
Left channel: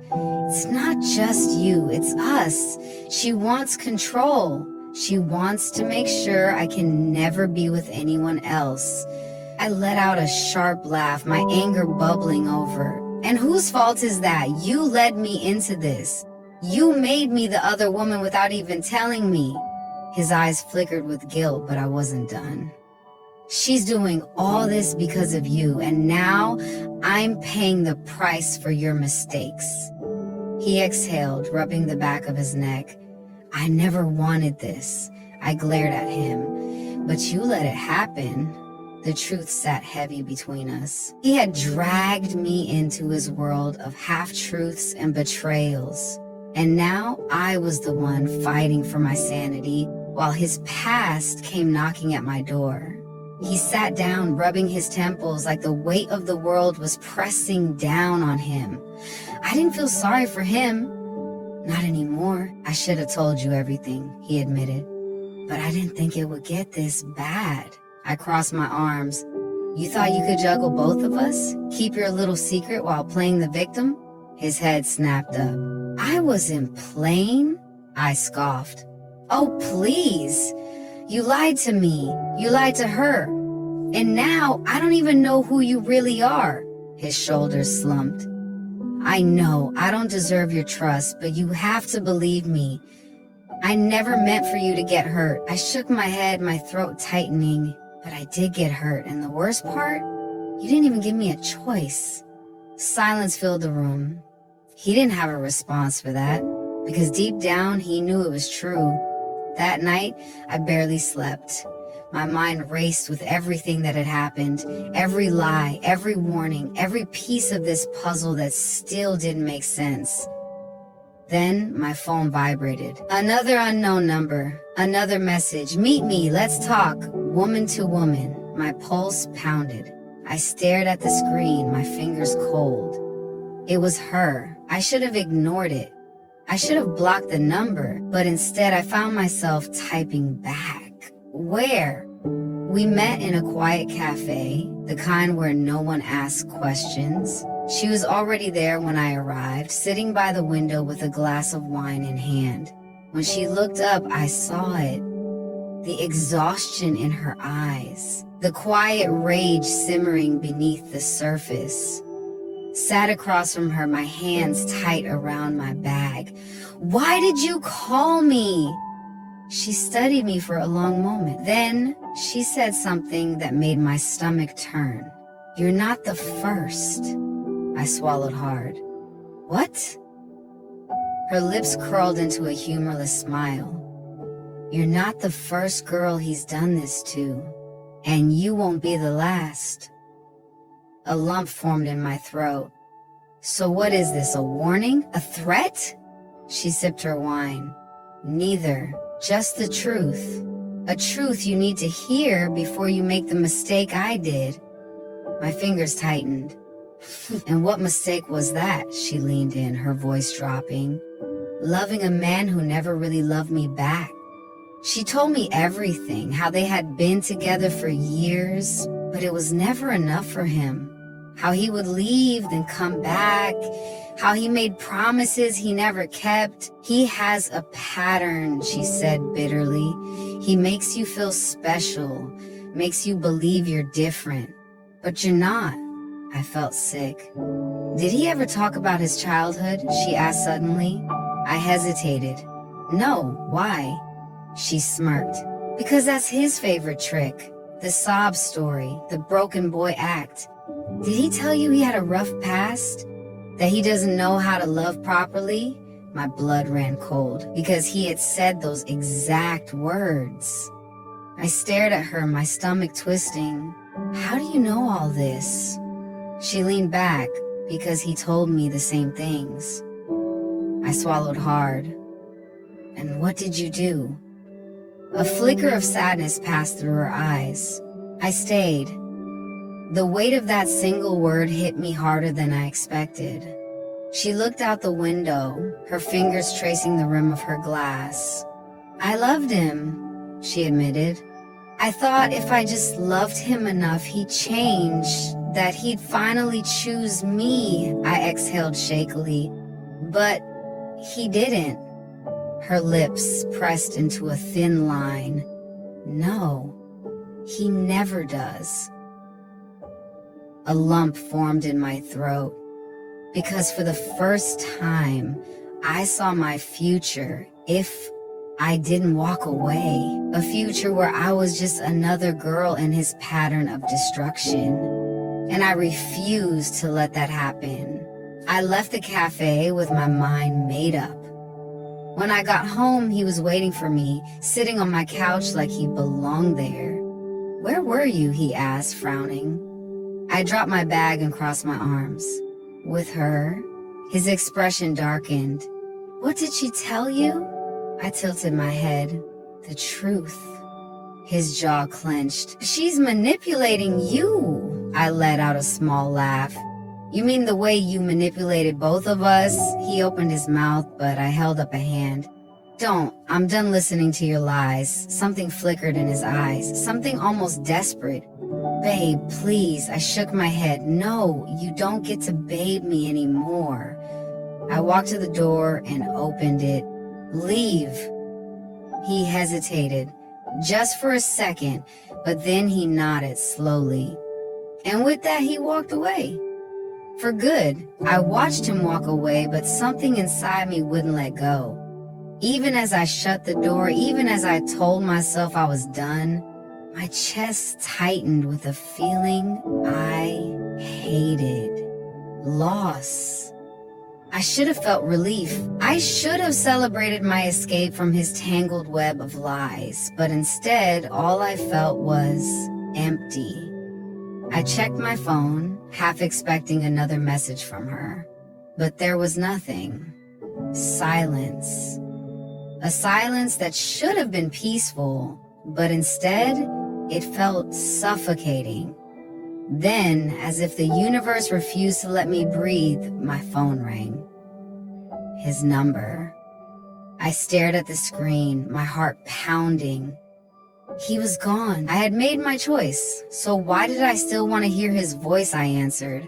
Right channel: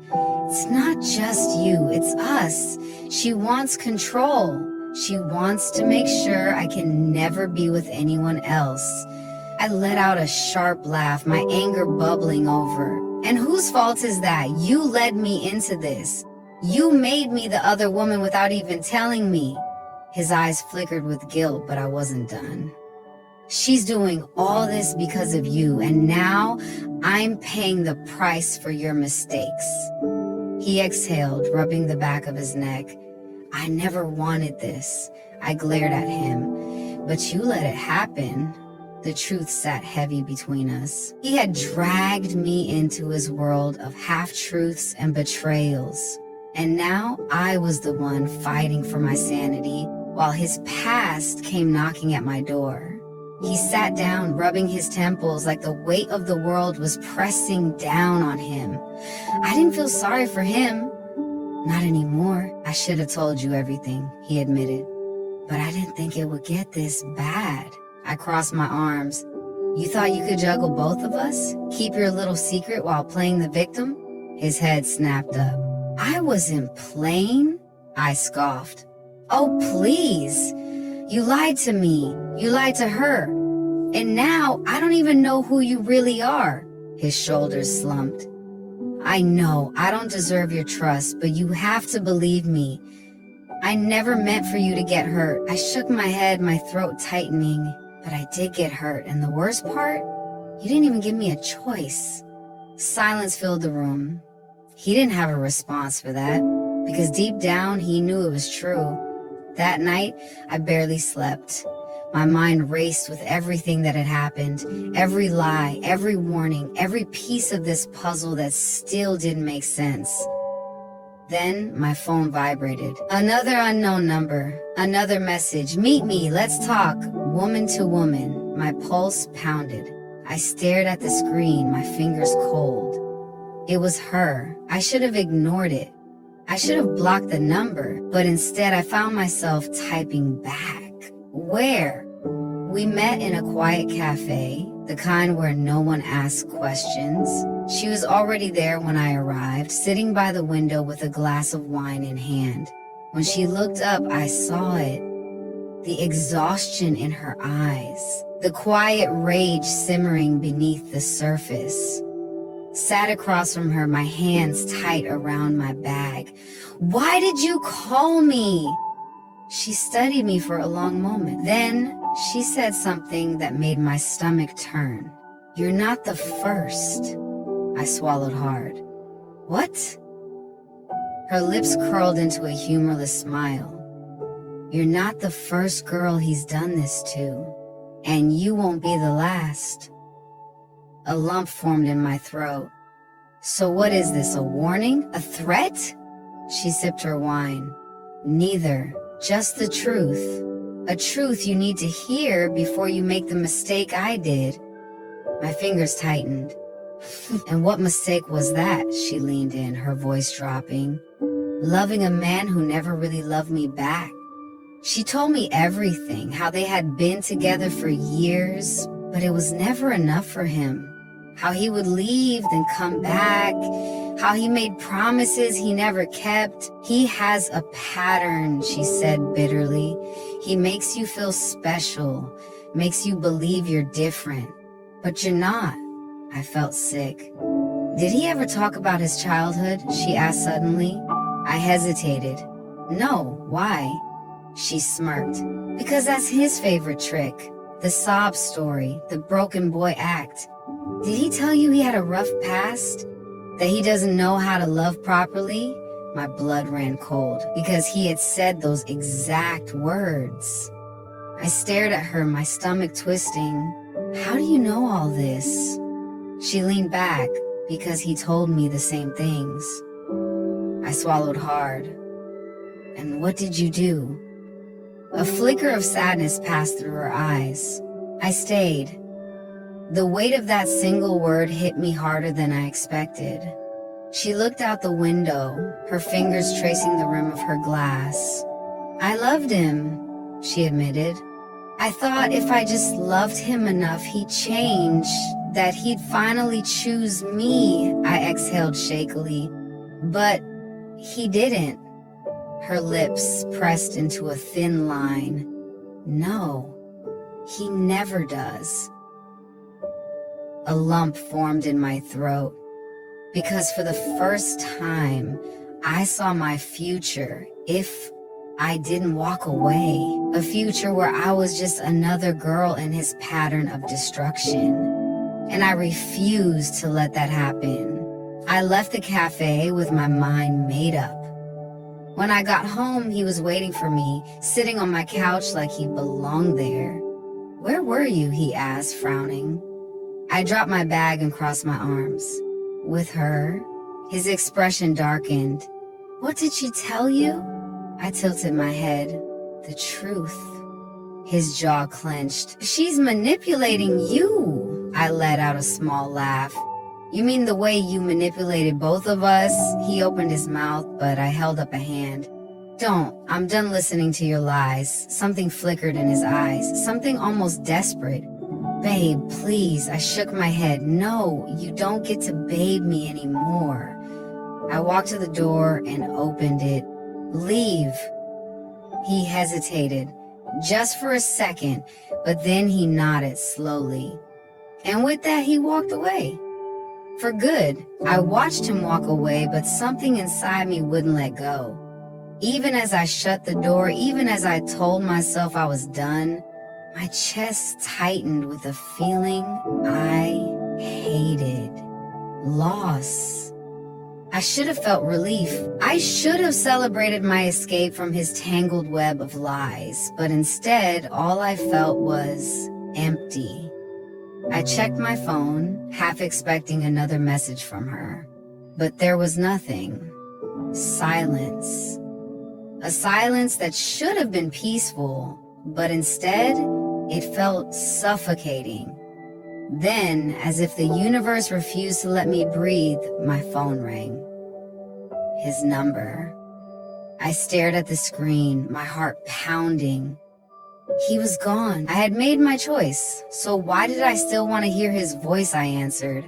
"It's not just you, it's us. She wants control. She wants to make sure I can never be with anyone else." I let out a sharp laugh, my anger bubbling over. "And whose fault is that? You led me into this. You made me the other woman without even telling me." His eyes flickered with guilt, but I wasn't done. "She's doing all this because of you, and now I'm paying the price for your mistakes." He exhaled, rubbing the back of his neck. "I never wanted this." I glared at him. "But you let it happen." The truth sat heavy between us. He had dragged me into his world of half-truths and betrayals. And now I was the one fighting for my sanity, while his past came knocking at my door. He sat down, rubbing his temples like the weight of the world was pressing down on him. I didn't feel sorry for him. "Not anymore. I should have told you everything," he admitted. "But I didn't think it would get this bad." I crossed my arms. "You thought you could juggle both of us? Keep your little secret while playing the victim?" His head snapped up. "I wasn't playing," I scoffed. "Oh, please. You lied to me. You lied to her. And now I don't even know who you really are." His shoulders slumped. "I know I don't deserve your trust, but you have to believe me. I never meant for you to get hurt." I shook my head, my throat tightening. "But I did get hurt, and the worst part? You didn't even give me a choice." Silence filled the room. He didn't have a response for that, because deep down he knew it was true. That night, I barely slept. My mind raced with everything that had happened, every lie, every warning, every piece of this puzzle that still didn't make sense. Then my phone vibrated. Another unknown number, another message. Meet me, let's talk. Woman to woman. My pulse pounded. I stared at the screen, my fingers cold. It was her. I should have ignored it. I should have blocked the number, but instead I found myself typing back. Where? We met in a quiet cafe, the kind where no one asks questions. She was already there when I arrived, sitting by the window with a glass of wine in hand. When she looked up, I saw it. The exhaustion in her eyes, the quiet rage simmering beneath the surface. Sat across from her, my hands tight around my bag. Why did you call me? She studied me for a long moment. Then she said something that made my stomach turn. You're not the first. I swallowed hard. What? Her lips curled into a humorless smile. You're not the first girl he's done this to, and you won't be the last. A lump formed in my throat. So what is this, a warning? A threat? She sipped her wine. Neither, just the truth. A truth you need to hear before you make the mistake I did. My fingers tightened. And what mistake was that? She leaned in, her voice dropping. Loving a man who never really loved me back. She told me everything, how they had been together for years, but it was never enough for him. How he would leave, then come back. How he made promises he never kept. He has a pattern, she said bitterly. He makes you feel special, makes you believe you're different. But you're not. I felt sick. Did he ever talk about his childhood? She asked suddenly. I hesitated. No, why? She smirked. Because that's his favorite trick. The sob story, the broken boy act. Did he tell you he had a rough past? That he doesn't know how to love properly? My blood ran cold because he had said those exact words. I stared at her, my stomach twisting. How do you know all this? She leaned back because he told me the same things. I swallowed hard. And what did you do? A flicker of sadness passed through her eyes. I stayed. The weight of that single word hit me harder than I expected. She looked out the window, her fingers tracing the rim of her glass. I loved him, she admitted. I thought if I just loved him enough, he'd change, that he'd finally choose me, I exhaled shakily. But he didn't. Her lips pressed into a thin line. No, he never does. A lump formed in my throat, because for the first time, I saw my future if I didn't walk away. A future where I was just another girl in his pattern of destruction. And I refused to let that happen. I left the cafe with my mind made up. When I got home, he was waiting for me, sitting on my couch like he belonged there. Where were you? He asked, frowning. I dropped my bag and crossed my arms. With her, his expression darkened. What did she tell you? I tilted my head. The truth. His jaw clenched. She's manipulating you. I let out a small laugh. You mean the way you manipulated both of us? He opened his mouth, but I held up a hand. Don't. I'm done listening to your lies. Something flickered in his eyes, something almost desperate. Babe, please. I shook my head. No, you don't get to babe me anymore. I walked to the door and opened it. Leave. He hesitated, just for a second, but then he nodded slowly. And with that, he walked away. For good. I watched him walk away, but something inside me wouldn't let go. Even as I shut the door, even as I told myself I was done, my chest tightened with a feeling I hated. Loss. I should have felt relief. I should have celebrated my escape from his tangled web of lies, but instead, all I felt was empty. I checked my phone, half expecting another message from her, but there was nothing. Silence. A silence that should have been peaceful, but instead, it felt suffocating. Then, as if the universe refused to let me breathe, my phone rang. His number. I stared at the screen, my heart pounding. He was gone. I had made my choice, so why did I still want to hear his voice? I answered.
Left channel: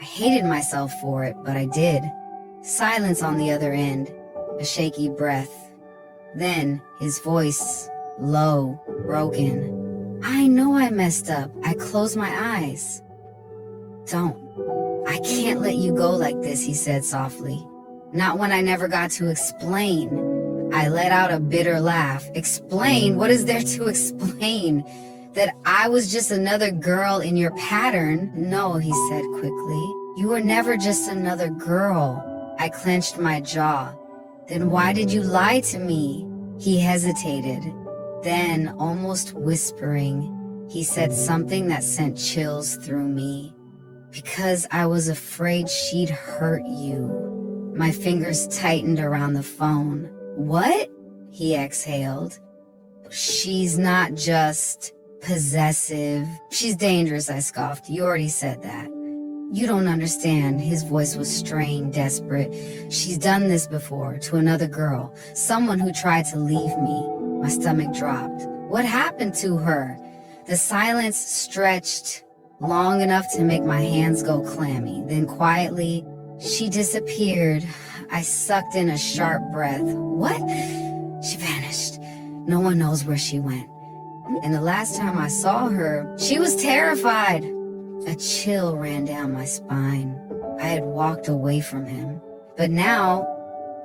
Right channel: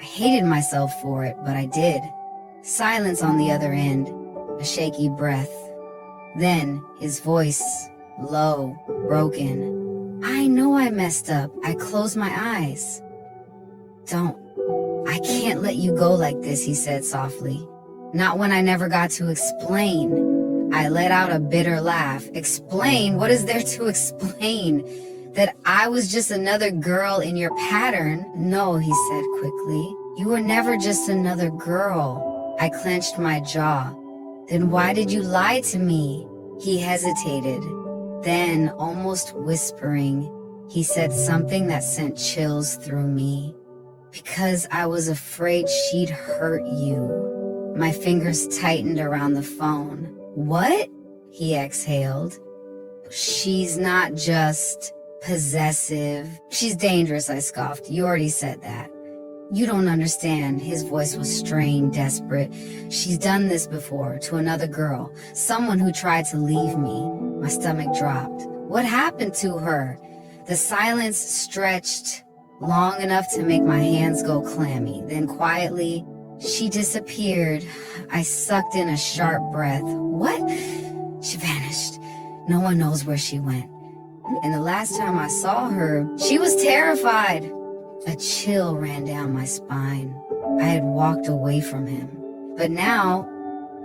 I hated myself for it, but I did. Silence on the other end, a shaky breath. Then, his voice, low, broken. I know I messed up. I closed my eyes. Don't. I can't let you go like this, he said softly. Not when I never got to explain. I let out a bitter laugh. Explain? What is there to explain? That I was just another girl in your pattern? No, he said quickly. You were never just another girl. I clenched my jaw. Then why did you lie to me? He hesitated. Then, almost whispering, he said something that sent chills through me. Because I was afraid she'd hurt you. My fingers tightened around the phone. What? He exhaled. She's not just possessive. She's dangerous, I scoffed. You already said that. You don't understand. His voice was strained, desperate. She's done this before, to another girl. Someone who tried to leave me. My stomach dropped. What happened to her? The silence stretched long enough to make my hands go clammy. Then quietly, she disappeared. I sucked in a sharp breath. What? She vanished. No one knows where she went. And the last time I saw her, she was terrified. A chill ran down my spine. I had walked away from him. But now,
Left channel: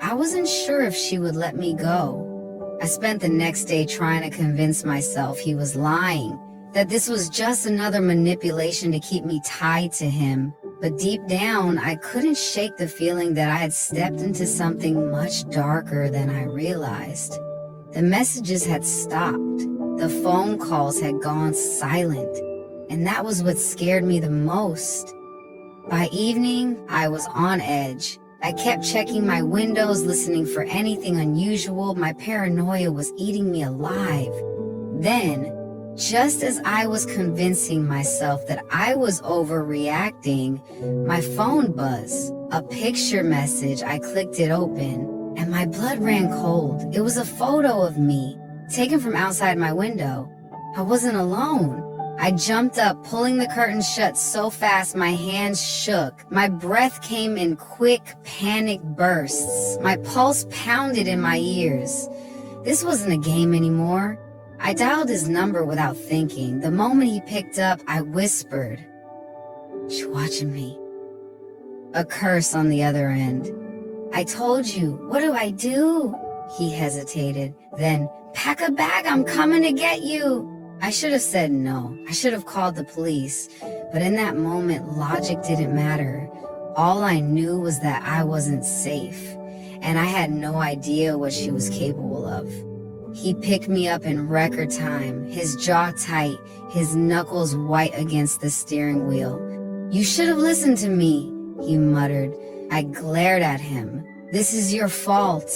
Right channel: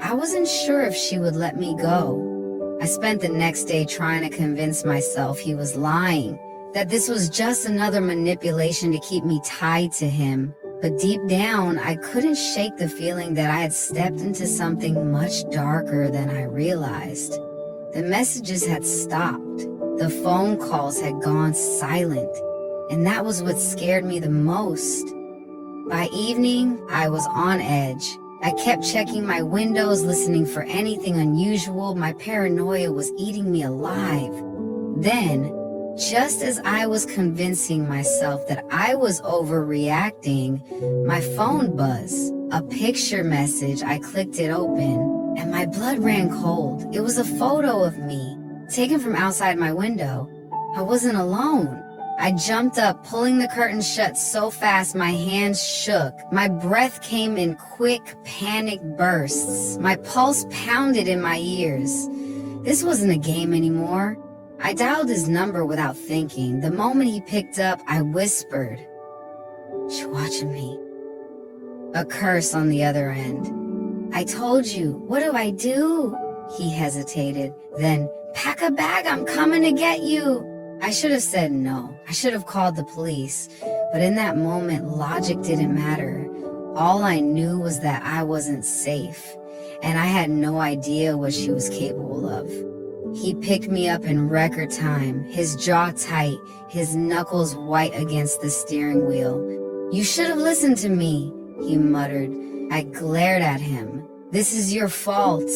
I wasn't sure if she would let me go. I spent the next day trying to convince myself he was lying, that this was just another manipulation to keep me tied to him. But deep down, I couldn't shake the feeling that I had stepped into something much darker than I realized. The messages had stopped. The phone calls had gone silent. And that was what scared me the most. By evening, I was on edge. I kept checking my windows, listening for anything unusual. My paranoia was eating me alive. Then, just as I was convincing myself that I was overreacting, my phone buzzed. A picture message. I clicked it open, and my blood ran cold. It was a photo of me, taken from outside my window. I wasn't alone. I jumped up, pulling the curtains shut so fast my hands shook. My breath came in quick, panic bursts. My pulse pounded in my ears. This wasn't a game anymore. I dialed his number without thinking. The moment he picked up, I whispered, "She's watching me." A curse on the other end. "I told you. What do I do?" He hesitated. Then, "Pack a bag. I'm coming to get you." I should have said no. I should have called the police. But in that moment, logic didn't matter. All I knew was that I wasn't safe, and I had no idea what she was capable of. He picked me up in record time, his jaw tight, his knuckles white against the steering wheel. "You should have listened to me," he muttered. I glared at him. "This is your fault."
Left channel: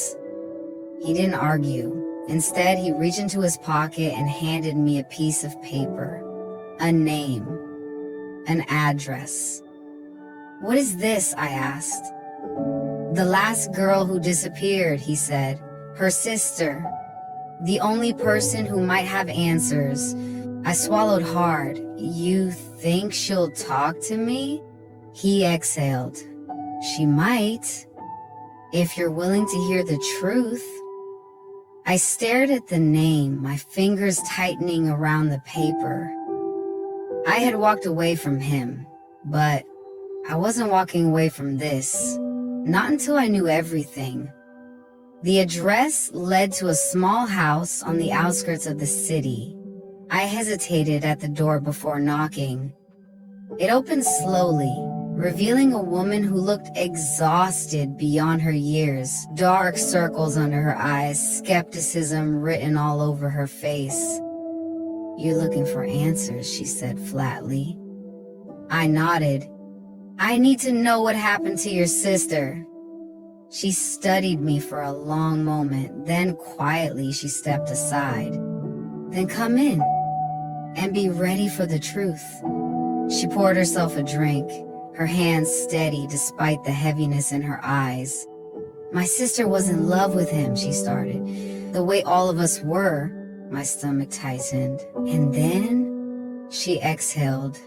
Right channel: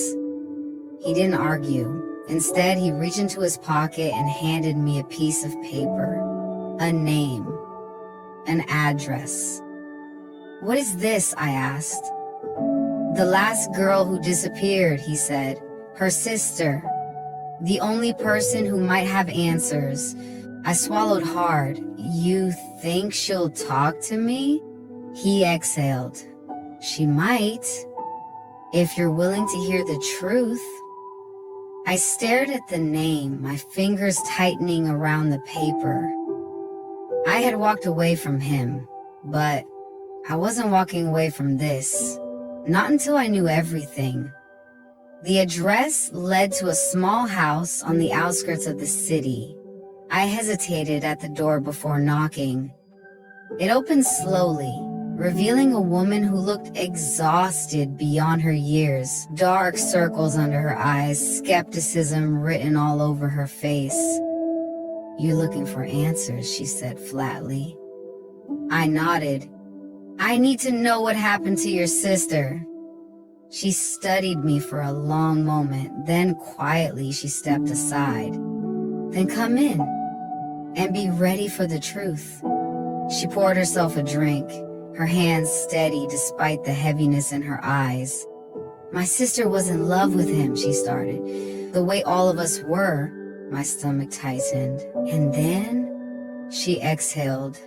He didn't argue. Instead, he reached into his pocket and handed me a piece of paper. A name. An address. "What is this?" I asked. "The last girl who disappeared," he said. "Her sister. The only person who might have answers." I swallowed hard. "You think she'll talk to me?" He exhaled. "She might, if you're willing to hear the truth." I stared at the name, my fingers tightening around the paper. I had walked away from him, but I wasn't walking away from this. Not until I knew everything. The address led to a small house on the outskirts of the city. I hesitated at the door before knocking. It opened slowly, revealing a woman who looked exhausted beyond her years, dark circles under her eyes, skepticism written all over her face. "You're looking for answers," she said flatly. I nodded. "I need to know what happened to your sister." She studied me for a long moment, then quietly she stepped aside. "Then come in and be ready for the truth." She poured herself a drink, her hands steady despite the heaviness in her eyes. "My sister was in love with him," she started. "The way all of us were." My stomach tightened. "And then?" She exhaled.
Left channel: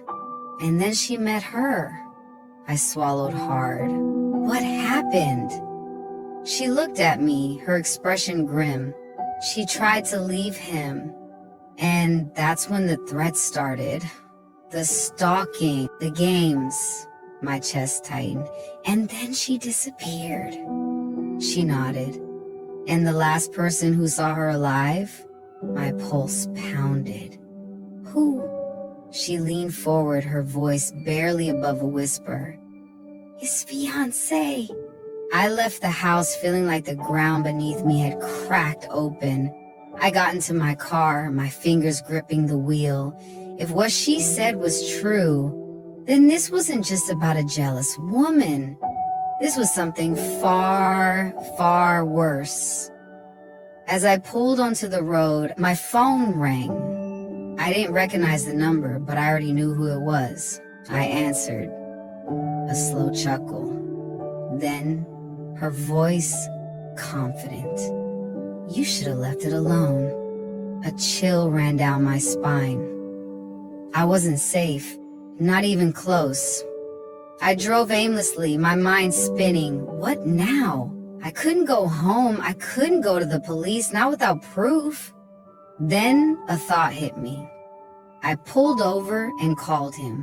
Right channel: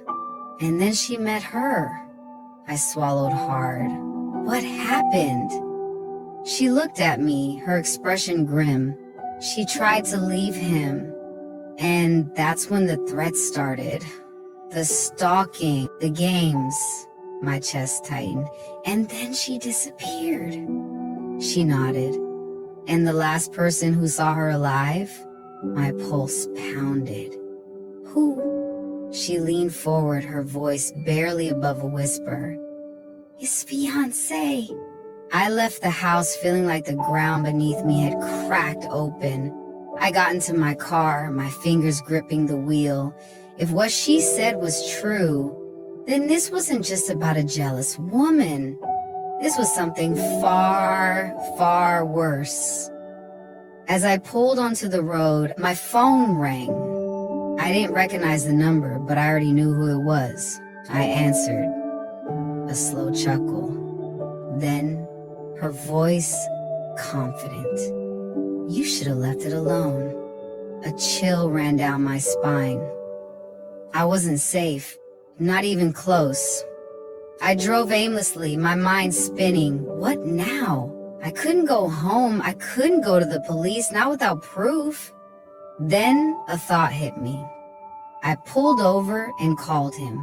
"And then she met her." I swallowed hard. "What happened?" She looked at me, her expression grim. "She tried to leave him. And that's when the threats started. The stalking, the games." My chest tightened. "And then she disappeared." She nodded. "And the last person who saw her alive?" My pulse pounded. "Who?" She leaned forward, her voice barely above a whisper. "His fiancé." I left the house feeling like the ground beneath me had cracked open. I got into my car, my fingers gripping the wheel. If what she said was true, then this wasn't just about a jealous woman. This was something far, far worse. As I pulled onto the road, my phone rang. I didn't recognize the number, but I already knew who it was. I answered, a slow chuckle. Then, her voice confident. "You should have left it alone." A chill ran down my spine. I wasn't safe, not even close. I drove aimlessly, my mind spinning. What now? I couldn't go home. I couldn't go to the police, not without proof. Then a thought hit me. I pulled over and called him.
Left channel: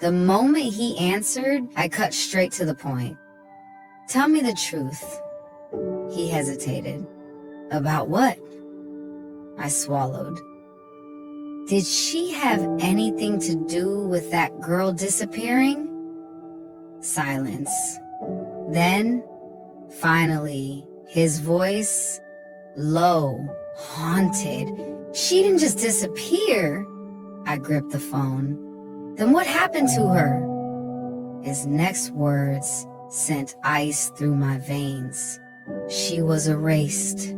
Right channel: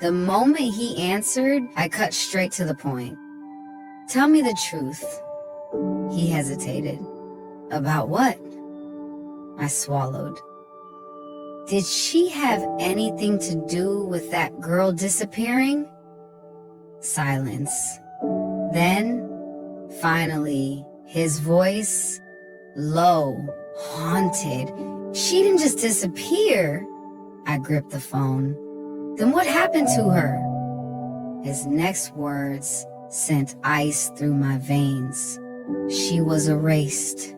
The moment he answered, I cut straight to the point. "Tell me the truth." He hesitated. "About what?" I swallowed. "Did she have anything to do with that girl disappearing?" Silence. Then, finally, his voice, low, haunted. "She didn't just disappear." I gripped the phone. "Then what happened to her?" His next words sent ice through my veins. "She was erased."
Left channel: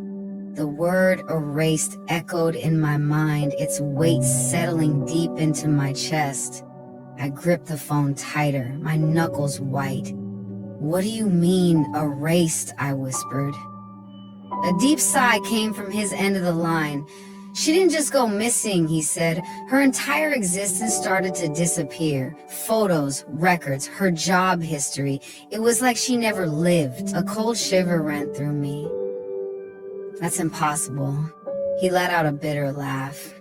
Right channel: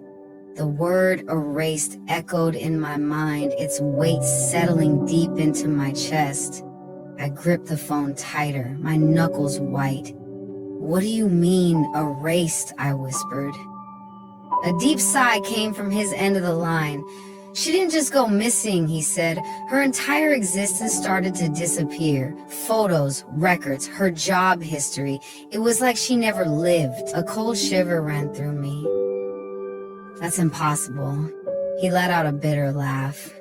The word erased echoed in my mind, its weight settling deep into my chest. I gripped the phone tighter, my knuckles white. "What do you mean, erased?" I whispered. A deep sigh came from his end of the line. "She didn't just go missing," he said. "Her entire existence started to disappear. Photos, records, her job history. It was like she never lived." A cold shiver ran through me. "That's impossible." He let out a bitter laugh.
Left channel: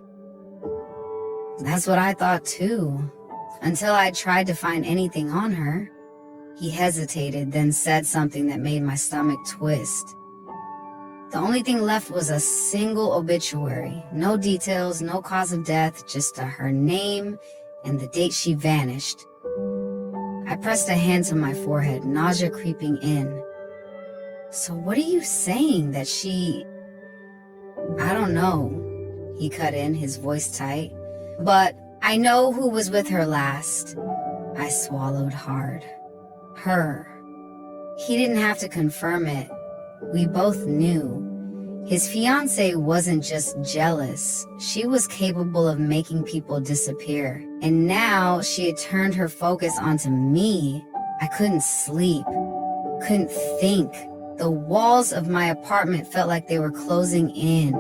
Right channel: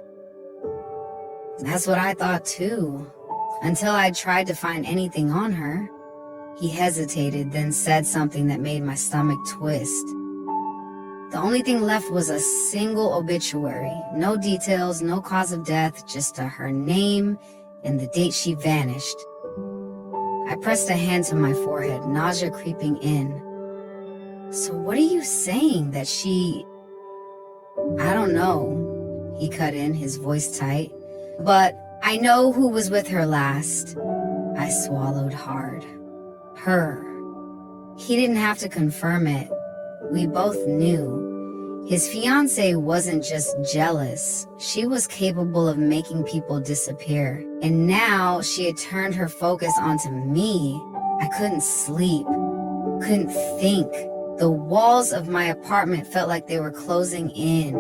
"That's what I thought too, until I tried to find anything on her." He hesitated, then said something that made my stomach twist. "The only thing left was a single obituary. No details, no cause of death, just her name and the date she vanished." I pressed a hand to my forehead, nausea creeping in. "So what are you saying, that she..." "I don't know," he cut in, his voice tight. "But I know who was with her last." I swallowed hard. Her. He didn't have to confirm it. We both knew. His fiancée wasn't just jealous. She was capable of making people disappear. And now she had turned her focus onto me. I couldn't sleep, couldn't think. The walls of my apartment felt like they were closing in.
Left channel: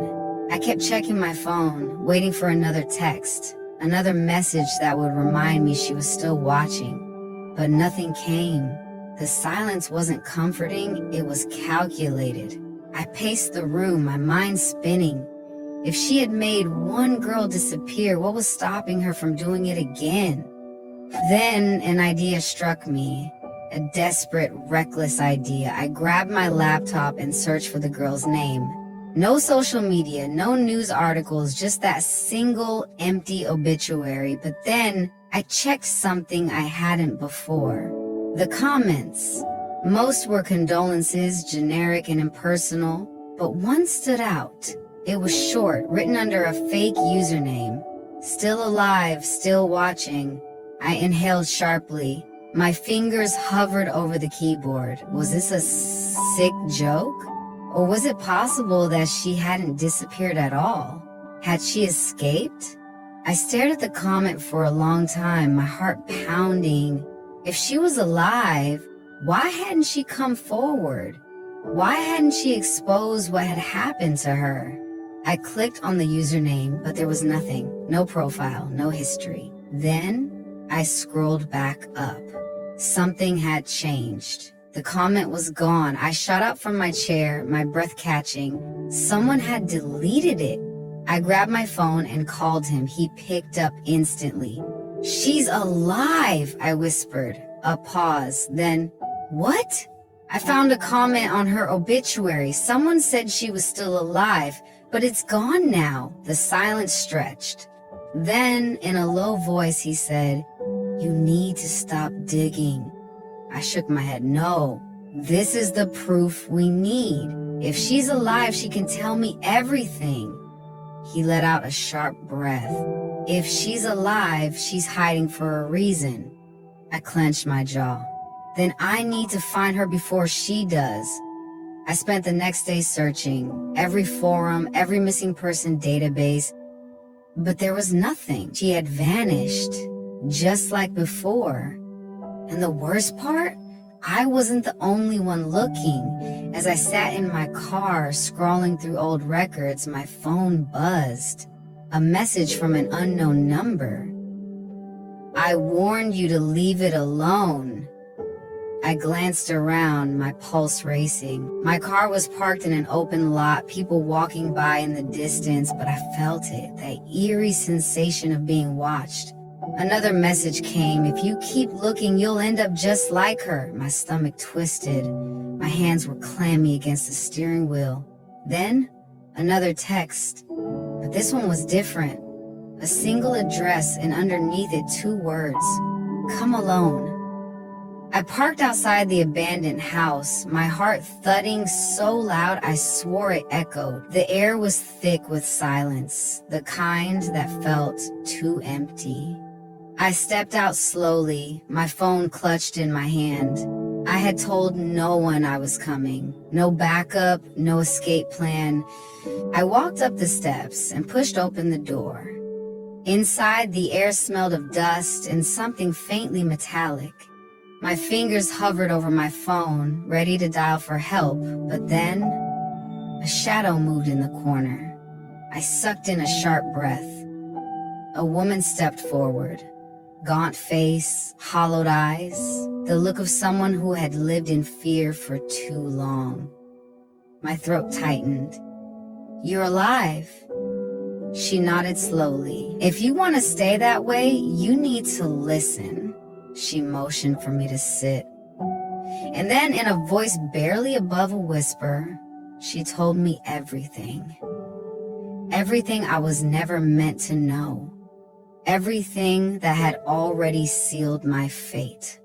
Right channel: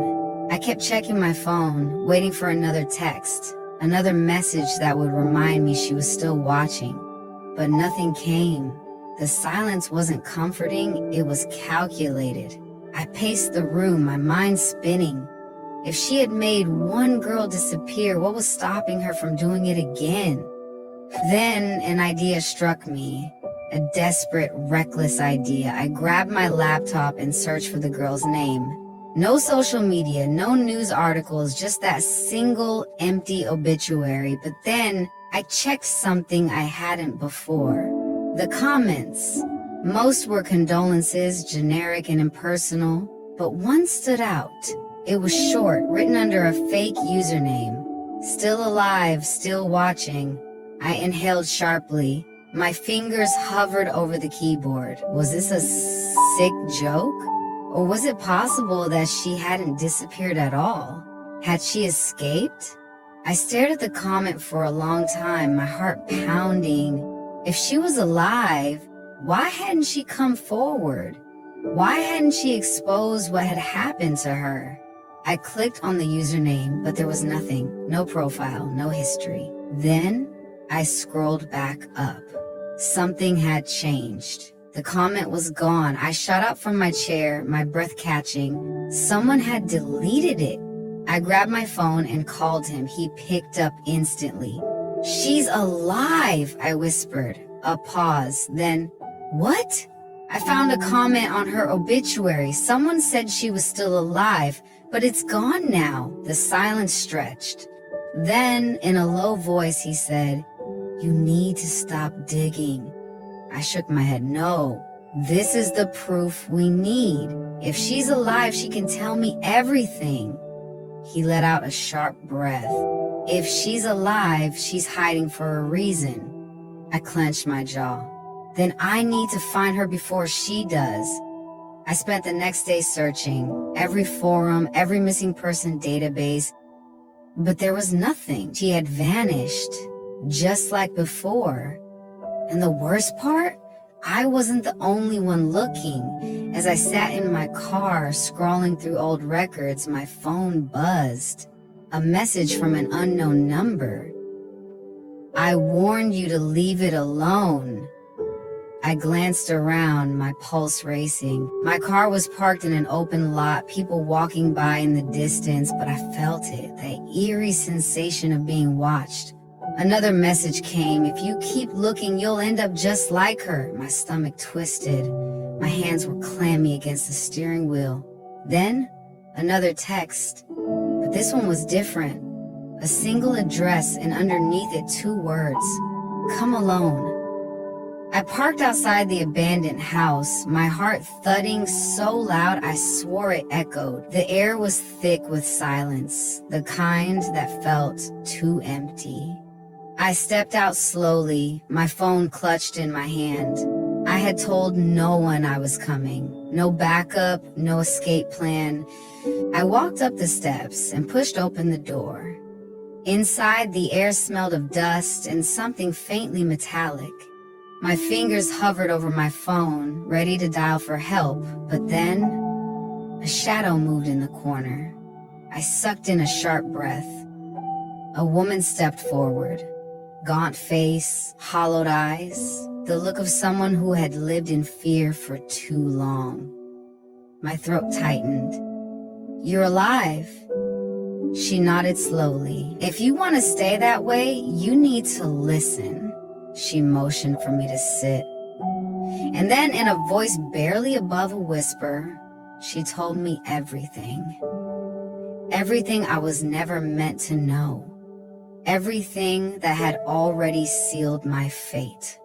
I kept checking my phone, waiting for another text, another message that would remind me she was still watching. But nothing came. The silence wasn't comforting, it was calculated. I paced the room, my mind spinning. If she had made one girl disappear, what was stopping her from doing it again? Then an idea struck me, a desperate, reckless idea. I grabbed my laptop and searched for the girl's name. No social media, no news articles, just that single empty obituary. But then I checked something I hadn't before. The comments. Most were condolences, generic and impersonal, but one stood out. It was short, written under a fake username. Still alive, still watching. I inhaled sharply. My fingers hovered over the keyboard. Was this a sick joke? Or was it possible that she hadn't disappeared at all? Had she escaped? I stared at the comment for a long time, my heart pounding. If she was alive, why hadn't she come forward? Why hadn't she exposed what had happened to her? I clicked on the username, but there was nothing. No profile, no history. Then I scrolled back up. Something had changed. The comment was gone. I shot up from my chair, my breath catching. Someone had deleted it. I grabbed my phone and called him. He picked up instantly. "She's alive," I whispered. A pause, then, "What?" I found a comment on her obituary. Someone said she was still alive, but it's gone now. The silence stretched. Then, in a low voice, he said, "You need to stop digging." I shook my head. "No, this is the proof we need. If she's alive, she can tell me everything." He let out a sharp breath. "If she's alive, she's hiding for a reason." I clenched my jaw. "Then I need to find her before she does." I spent the next day searching every forum, every missing person database, but there was nothing. She had vanished, just like before. And the worst part? I wasn't the only one looking. As I sat in my car, scrolling through old records, my phone buzzed. A message from an unknown number. "I warned you to leave it alone." I glanced around, my pulse racing. My car was parked in an open lot, people walking by in the distance, but I felt it, that eerie sensation of being watched. Another message came. "If you keep looking, you'll end up just like her." My stomach twisted. My hands were clammy against the steering wheel. Then, another text. But this one was different. A single address and underneath it 2 words. "Come alone." I parked outside the abandoned house, my heart thudding so loud I swore it echoed. The air was thick with silence, the kind that felt too empty. I stepped out slowly, my phone clutched in my hand. I had told no one I was coming. No backup, no escape plan. I walked up the steps and pushed open the door. Inside, the air smelled of dust and something faintly metallic. My fingers hovered over my phone, ready to dial for help, but then a shadow moved in the corner. I sucked in a sharp breath. A woman stepped forward. Gaunt face, hollowed eyes, the look of someone who had lived in fear for too long. My throat tightened. "You're alive." She nodded slowly. "If you want to stay that way, you need to listen." She motioned for me to sit. And then, in a voice barely above a whisper, she told me everything. Everything I was never meant to know. Everything that had already sealed my fate.